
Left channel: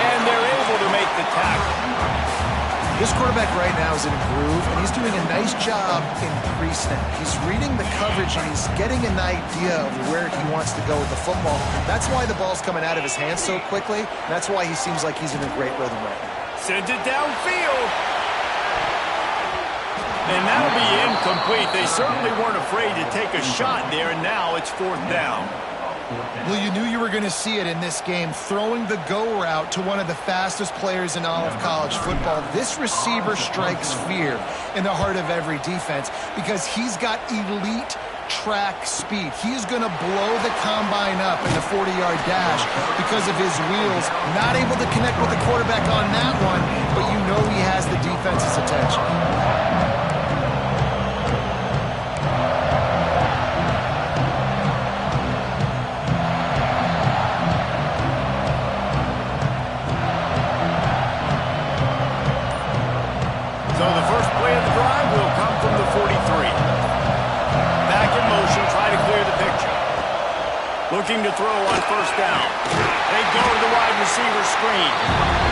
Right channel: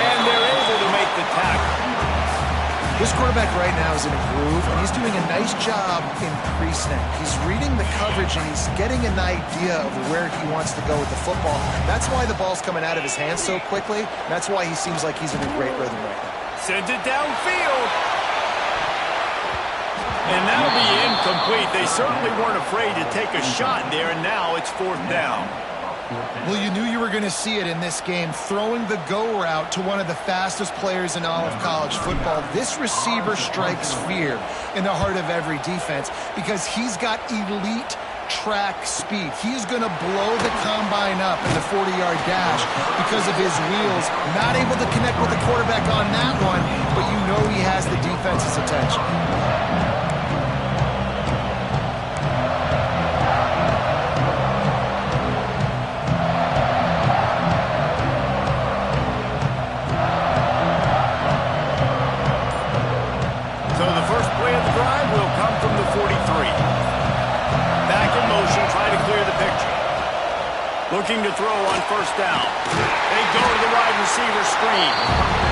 And they're able to make the tackle. This quarterback right now is in a groove, and he's doing a nice job in pre-snap. He's reading the coverage, and he's getting an idea of where he wants to go with the football. That's why the ball's coming out of his hands so quickly. That's why he seems like he's in a great rhythm right now. Sends it downfield. And that'll be incomplete. They certainly weren't afraid to take a shot there, and now it's 4th down. Well, you knew you were going to see it in this game, throwing the go route to one of the fastest players in all of college football. This receiver strikes fear in the heart of every defense because he's got elite track speed. He's going to blow the combine up in the 40-yard dash because of his wheels. Not able to connect with the quarterback on that one, but you know he has the defense's attention. So the first play of the drive will come from the 43. Back the picture. Looking to throw on first down. They go to the wide receiver screen.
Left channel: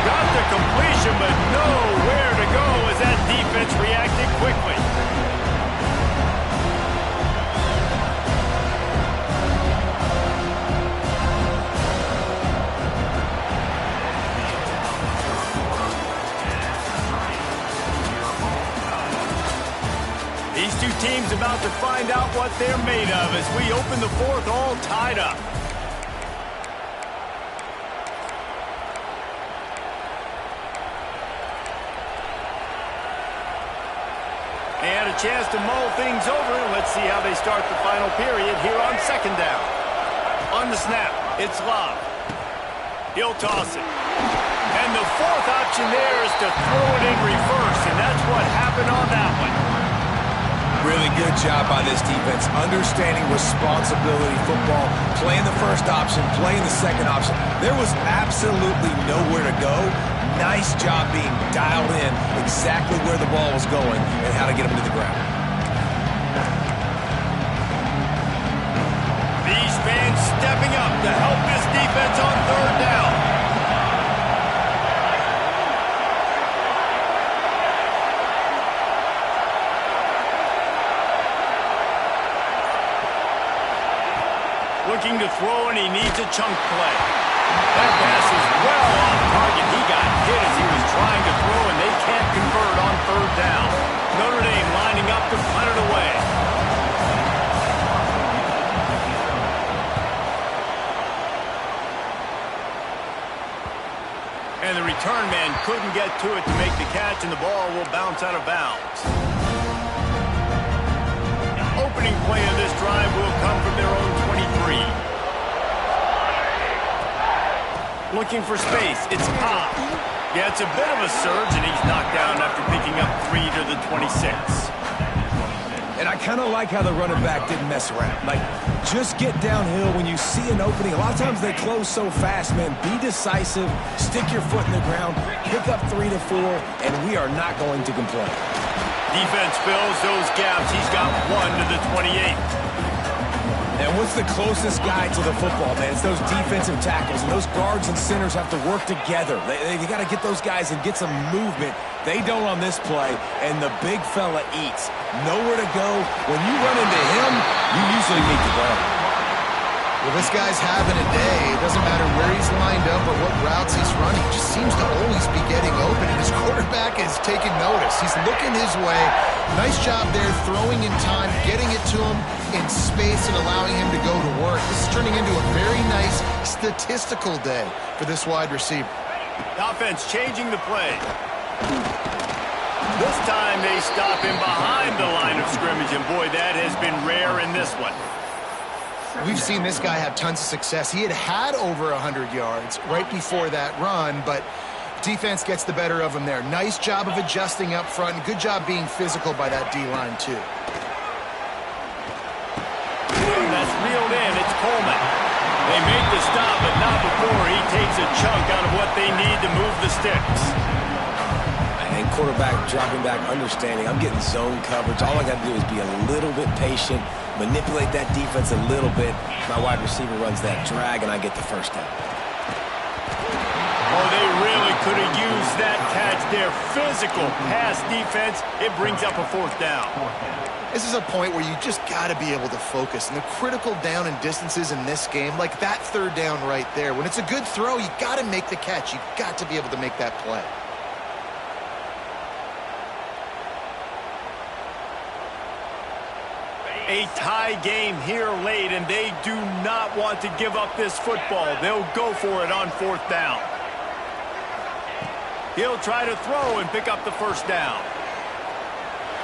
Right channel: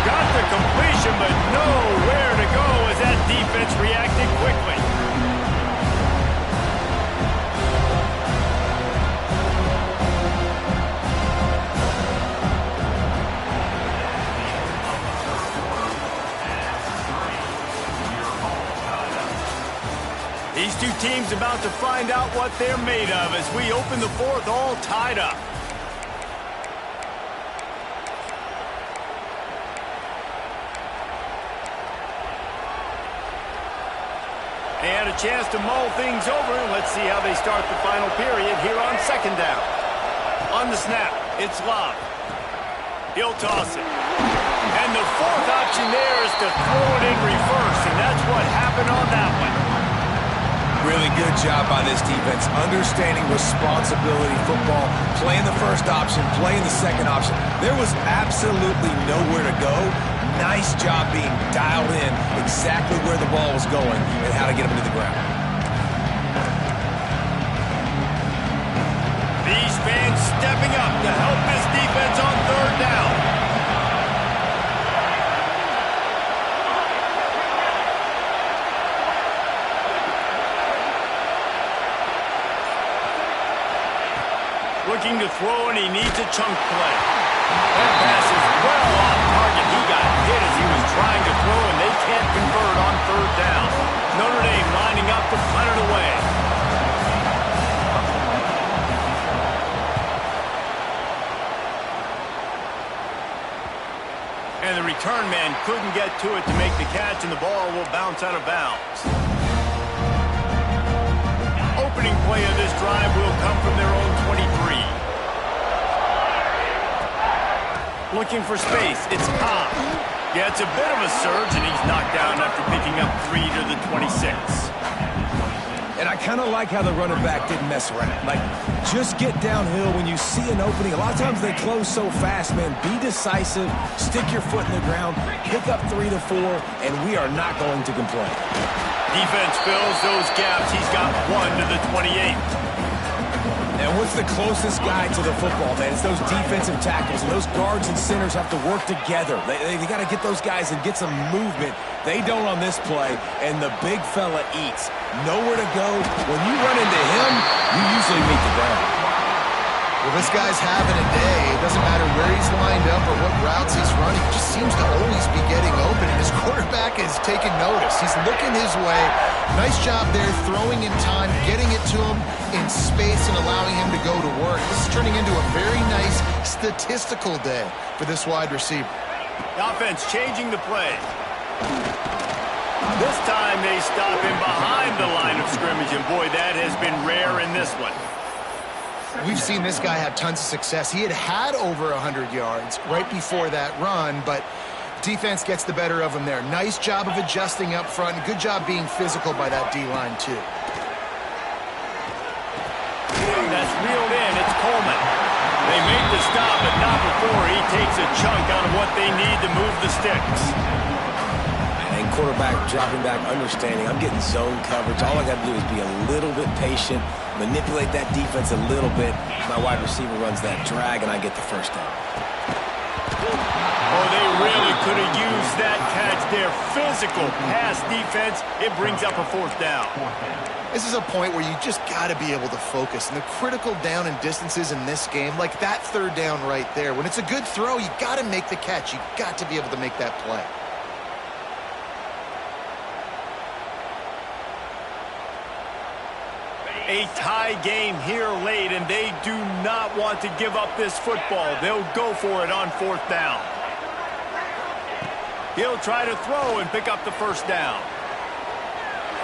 Got the completion, but nowhere to go as that defense reacted quickly. These two teams about to find out what they're made of as we open the fourth all tied up. They had a chance to mull things over. Let's see how they start the final period here on second down. On the snap, it's Love. He'll toss it. And the fourth option there is to throw it in reverse, and that's what happened on that one. Really good job by this defense, understanding responsibility football, playing the first option, playing the second option. There was absolutely nowhere to go. Nice job being dialed in exactly where the ball was going and how to get him to the ground. These fans stepping up to help this defense on third down. Looking to throw, and he needs a chunk play. That pass is well off target. He got hit as he was trying to throw, and they can't convert on third down. Notre Dame lining up to punt it away. And the return man couldn't get to it to make the catch, and the ball will bounce out of bounds. Opening play of this drive will come from their own 23. Looking for space, it's Cobb. Yeah, it's a bit of a surge, and he's knocked down after picking up 3 to the 26. And I kind of like how the running back didn't mess around. Like, just get downhill when you see an opening. A lot of times they close so fast, man. Be decisive, stick your foot in the ground, pick up 3 to 4, and we are not going to complain. Defense fills those gaps. He's got 1 to the 28. And what's the closest guy to the football, man? It's those defensive tackles, and those guards and centers have to work together. They got to get those guys and get some movement. They don't on this play, and the big fella eats. Nowhere to go. When you run into him, you usually meet the ground. Well, this guy's having a day. It doesn't matter where he's lined up or what routes he's running. He just seems to always be getting open, and his quarterback is taking notice. He's looking his way. Nice job there, throwing in time, getting it to him in space and allowing him to go to work. This is turning into a very nice statistical day for this wide receiver. The offense changing the play. This time they stop him behind the line of scrimmage, and boy, that has been rare in this one. We've seen this guy have tons of success. He had over 100 yards right before that run, but defense gets the better of him there. Nice job of adjusting up front, and good job being physical by that D-line, too. That's reeled in. It's Coleman. They make the stop, but not before he takes a chunk out of what they need to move the sticks. And quarterback dropping back, understanding I'm getting zone coverage. All I got to do is be a little bit patient, manipulate that defense a little bit. My wide receiver runs that drag, and I get the first down. Oh, they really could have used that catch there. Physical pass defense. It brings up a fourth down. This is a point where you just got to be able to focus. And the critical down and distances in this game, like that third down right there, when it's a good throw, you got to make the catch. You got to be able to make that play. A tie game here late, and they do not want to give up this football. They'll go for it on fourth down. He'll try to throw and pick up the first down.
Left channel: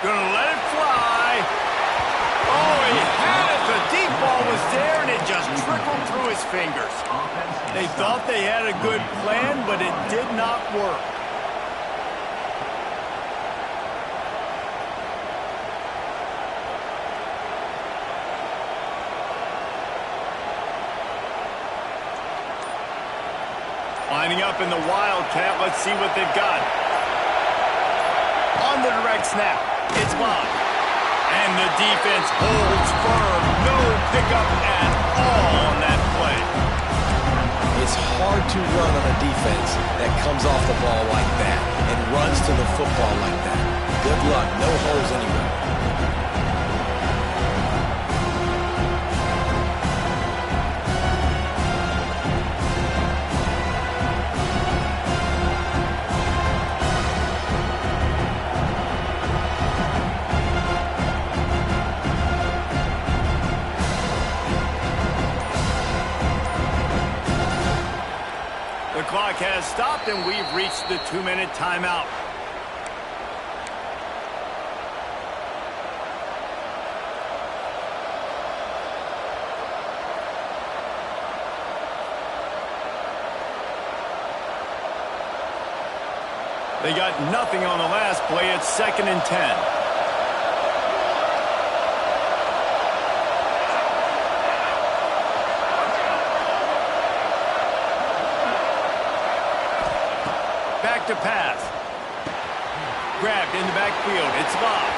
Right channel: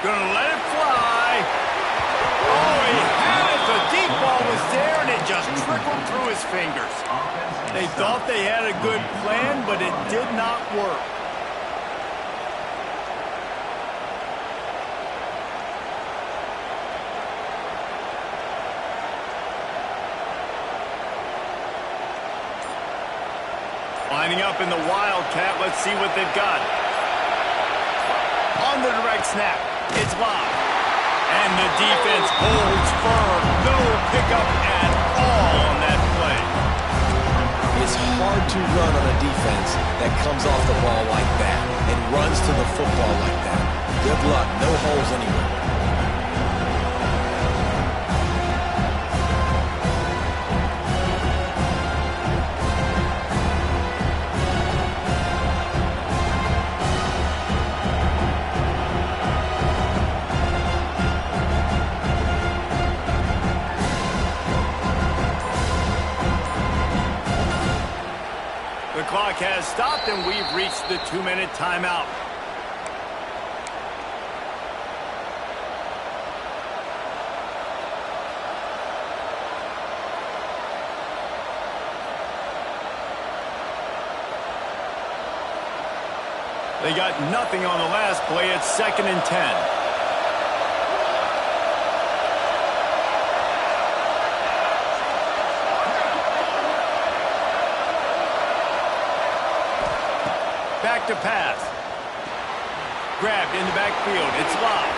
Gonna let it fly. Oh, he had it. The deep ball was there, and it just trickled through his fingers. They thought they had a good plan, but it did not work. Lining up in the Wildcat. Let's see what they've got. On the direct snap, it's Love. And the defense holds firm. No up at all on that play. It's hard to run on a defense that comes off the ball like that and runs to the football like that. Good luck. No holes anywhere. The clock has stopped, and we've reached the 2-minute timeout. They got nothing on the last play. It's 2nd and 10. Back to pass. Grabbed in the backfield. It's Love.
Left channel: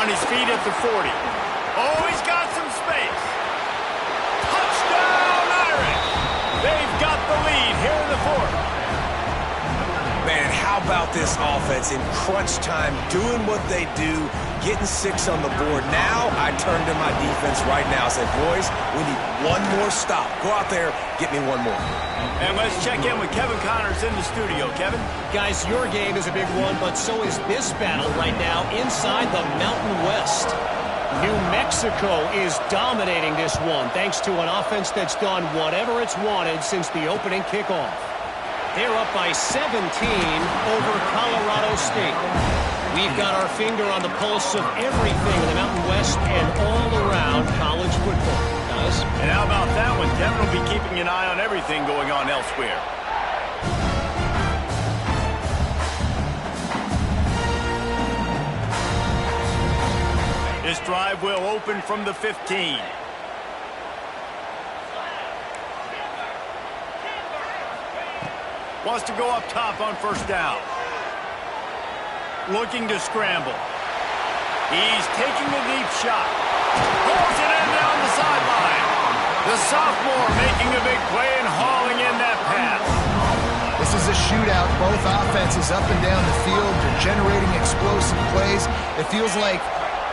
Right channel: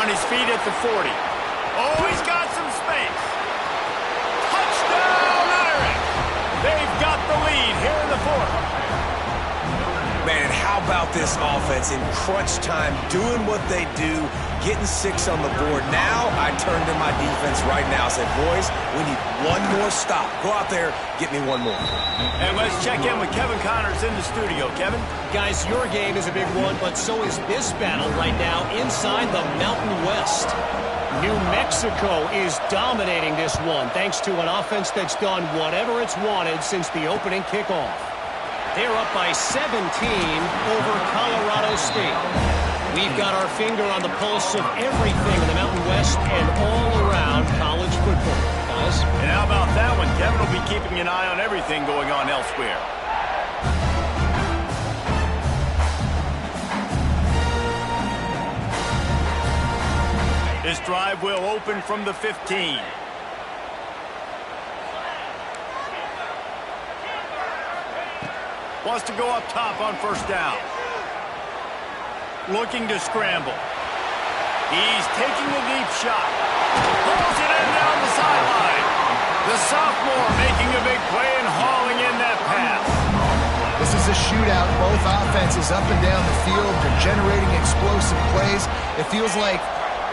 On his feet at the 40. Oh, he's got some space. Touchdown, Irish! They've got the lead here in the 4th. Man, how about this offense in crunch time, doing what they do, getting 6 on the board. Now I turn to my defense right now and say, boys, we need one more stop. Go out there, get me one more. And let's check in with Kevin Connors in the studio. Kevin? Guys, your game is a big one, but so is this battle right now inside the Mountain West. New Mexico is dominating this one thanks to an offense that's done whatever it's wanted since the opening kickoff. They're up by 17 over Colorado State. We've got our finger on the pulse of everything in the Mountain West and all around college football, guys. And how about that one? Kevin will be keeping an eye on everything going on elsewhere. This drive will open from the 15. Wants to go up top on 1st down. Looking to scramble. He's taking a deep shot. Pulls it in down the sideline. The sophomore making a big play and hauling in that pass. This is a shootout. Both offenses up and down the field. They're generating explosive plays. It feels like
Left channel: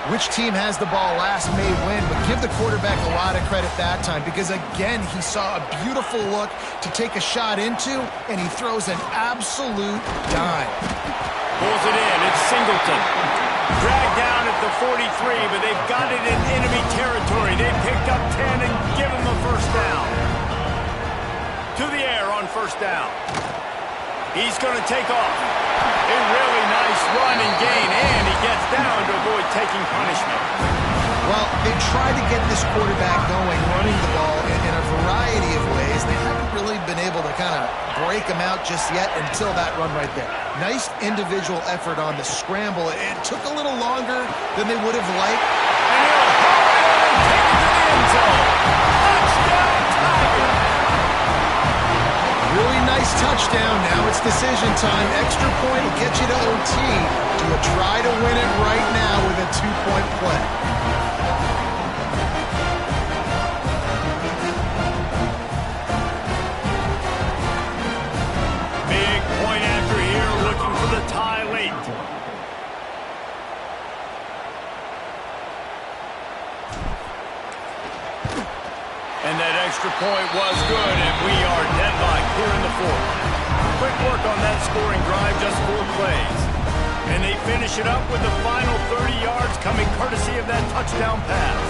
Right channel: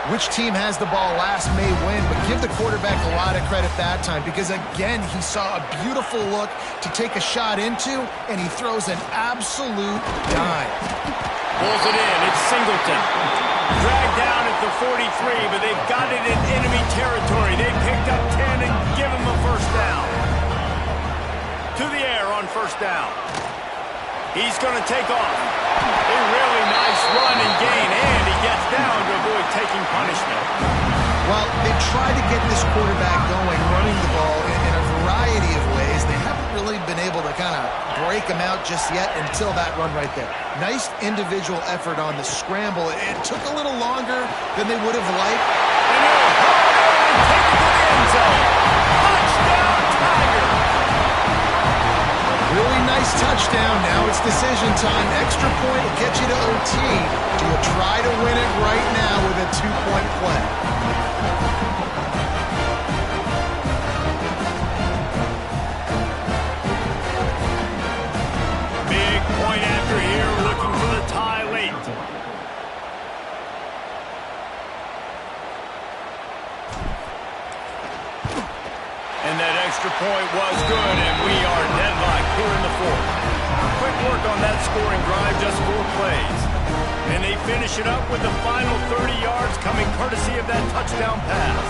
which team has the ball last may win, but give the quarterback a lot of credit that time because, again, he saw a beautiful look to take a shot into, and he throws an absolute dime. Pulls it in. It's Singleton. Dragged down at the 43, but they've got it in enemy territory. They picked up 10 and give him a 1st down. To the air on 1st down. He's going to take off. A really nice run and gain, and he gets down to avoid taking punishment. Well, they tried to get this quarterback going, running the ball in a variety of ways. They haven't really been able to kind of break him out just yet until that run right there. Nice individual effort on the scramble. It took a little longer than they would have liked. And he'll haul it in and take it to the end zone. Touchdown, Tiger! Really nice touchdown. Now it's decision time. Extra point will get you to OT. Do you try to win it right now with a 2-point play? Big point after here, looking for the tie late. And that extra point was good, and we are deadlocked here in the 4th. Quick work on that scoring drive, just 4 plays. And they finish it up with the final 30 yards coming courtesy of that touchdown pass.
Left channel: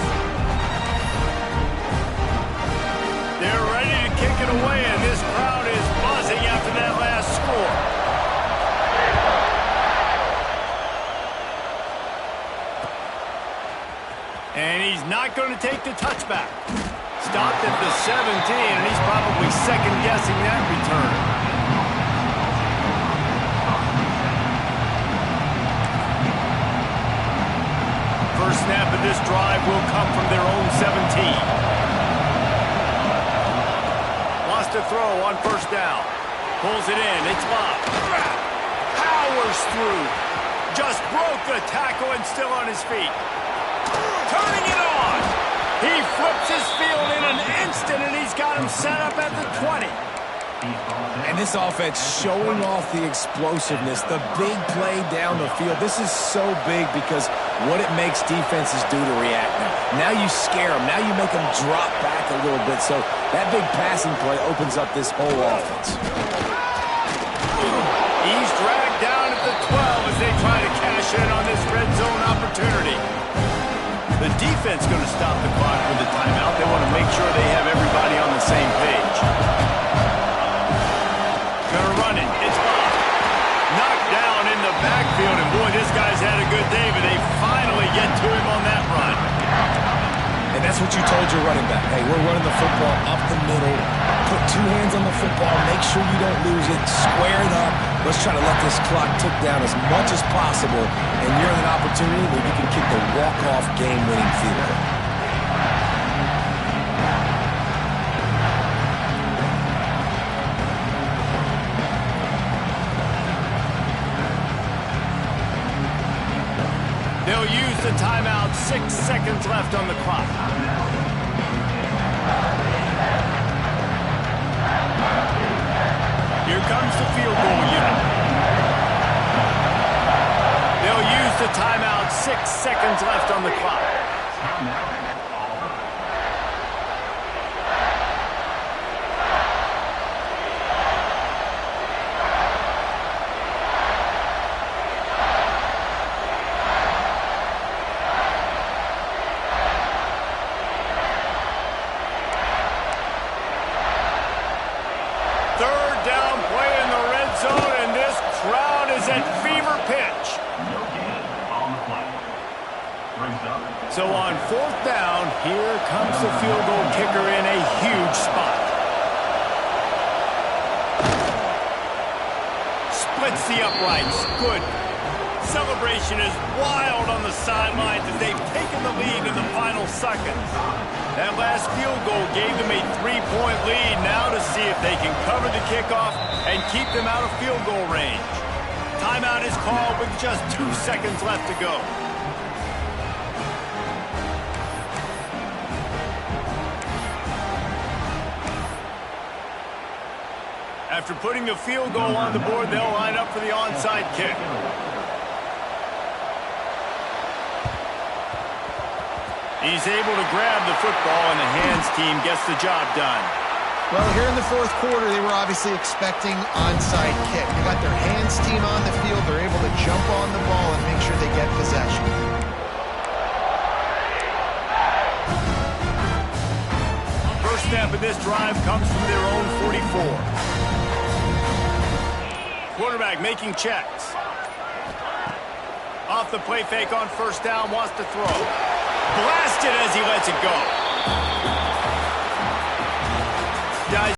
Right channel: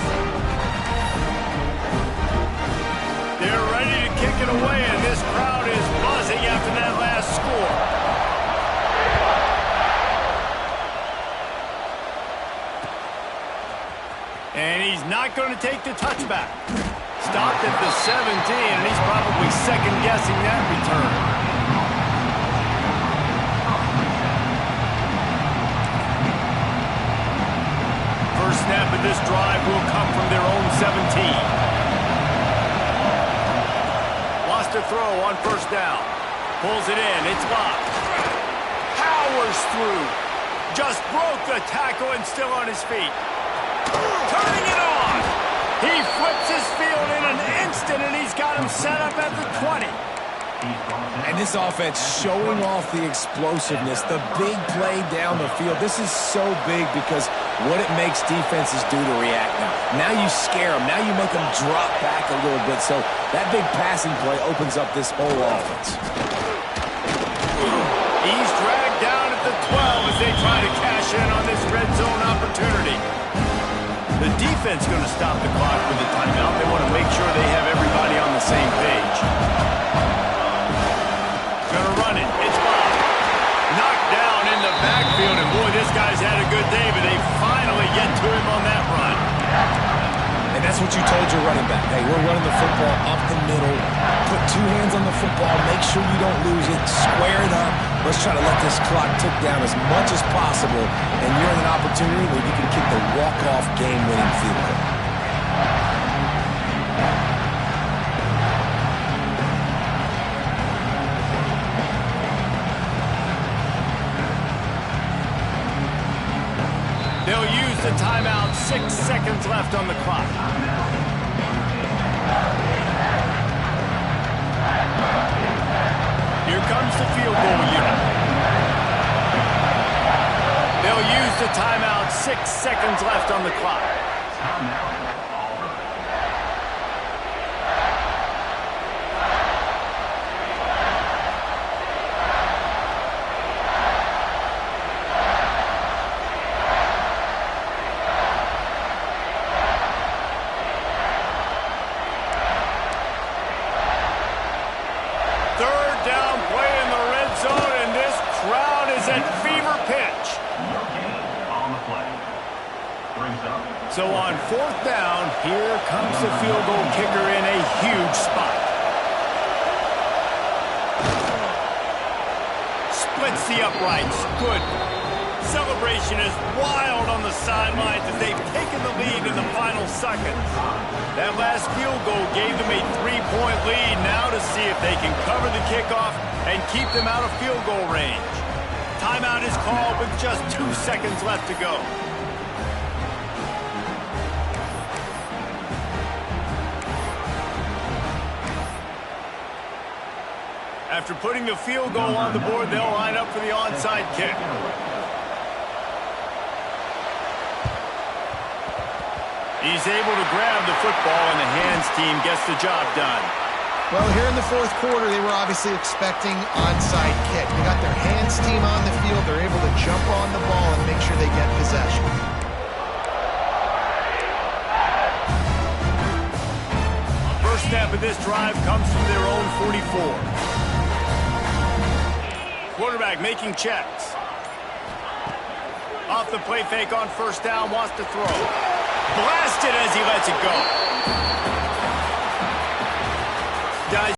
They're ready to kick it away, and this crowd is buzzing after that last score. And he's not going to take the touchback. Stopped at the 17, and he's probably second-guessing that return. First snap of this drive will come from their own 17. Wants to throw on 1st down. Pulls it in. It's Love. Powers through. Just broke the tackle and still on his feet. Turning it on. He flips his field in an instant, and he's got him set up at the 20. And this offense showing off the explosiveness, the big play down the field. This is so big because what it makes defenses do to react now. Now you scare them. Now you make them drop back a little bit. So that big passing play opens up this whole offense. He's dragged down at the 12 as they try to cash in on this red zone opportunity. The defense going to stop the clock with a timeout. They want to make sure they have everybody on the same page. Going to run it. It's Bob. Knocked down in the backfield, and boy, this guy's had a good day, but they finally get to him on that run. And that's what you told your running back. Hey, we're running the football up the middle. Put two hands on the football. Make sure you don't lose it. Square it up. Let's try to let this clock tick down as much as possible. And you're in an opportunity where you can kick the walk-off game-winning field goal. They'll use the timeout. 6 seconds left on the clock. Here comes the field goal unit. They'll use the timeout. 6 seconds left on the clock. Third down play in the red zone, and this crowd is at fever pitch. No gain on the play. Brings up. So on fourth down, here comes the field goal kicker in a huge spot. Splits the uprights. Good. Celebration is wild on the sidelines as they've taken the lead in the final seconds. That last field goal gave them a 3-point lead. Now to see if they can cover the kickoff and keep them out of field goal range. Timeout is called with just 2 seconds left to go. After putting the field goal on the board, they'll line up for the onside kick. He's able to grab the football, and the hands team gets the job done. Well, here in the fourth quarter, they were obviously expecting onside kick. They got their hands team on the field. They're able to jump on the ball and make sure they get possession. First snap of this drive comes from their own 44. Quarterback making checks. Off the play fake on first down, wants to throw. Blasted as he lets it go. Guys,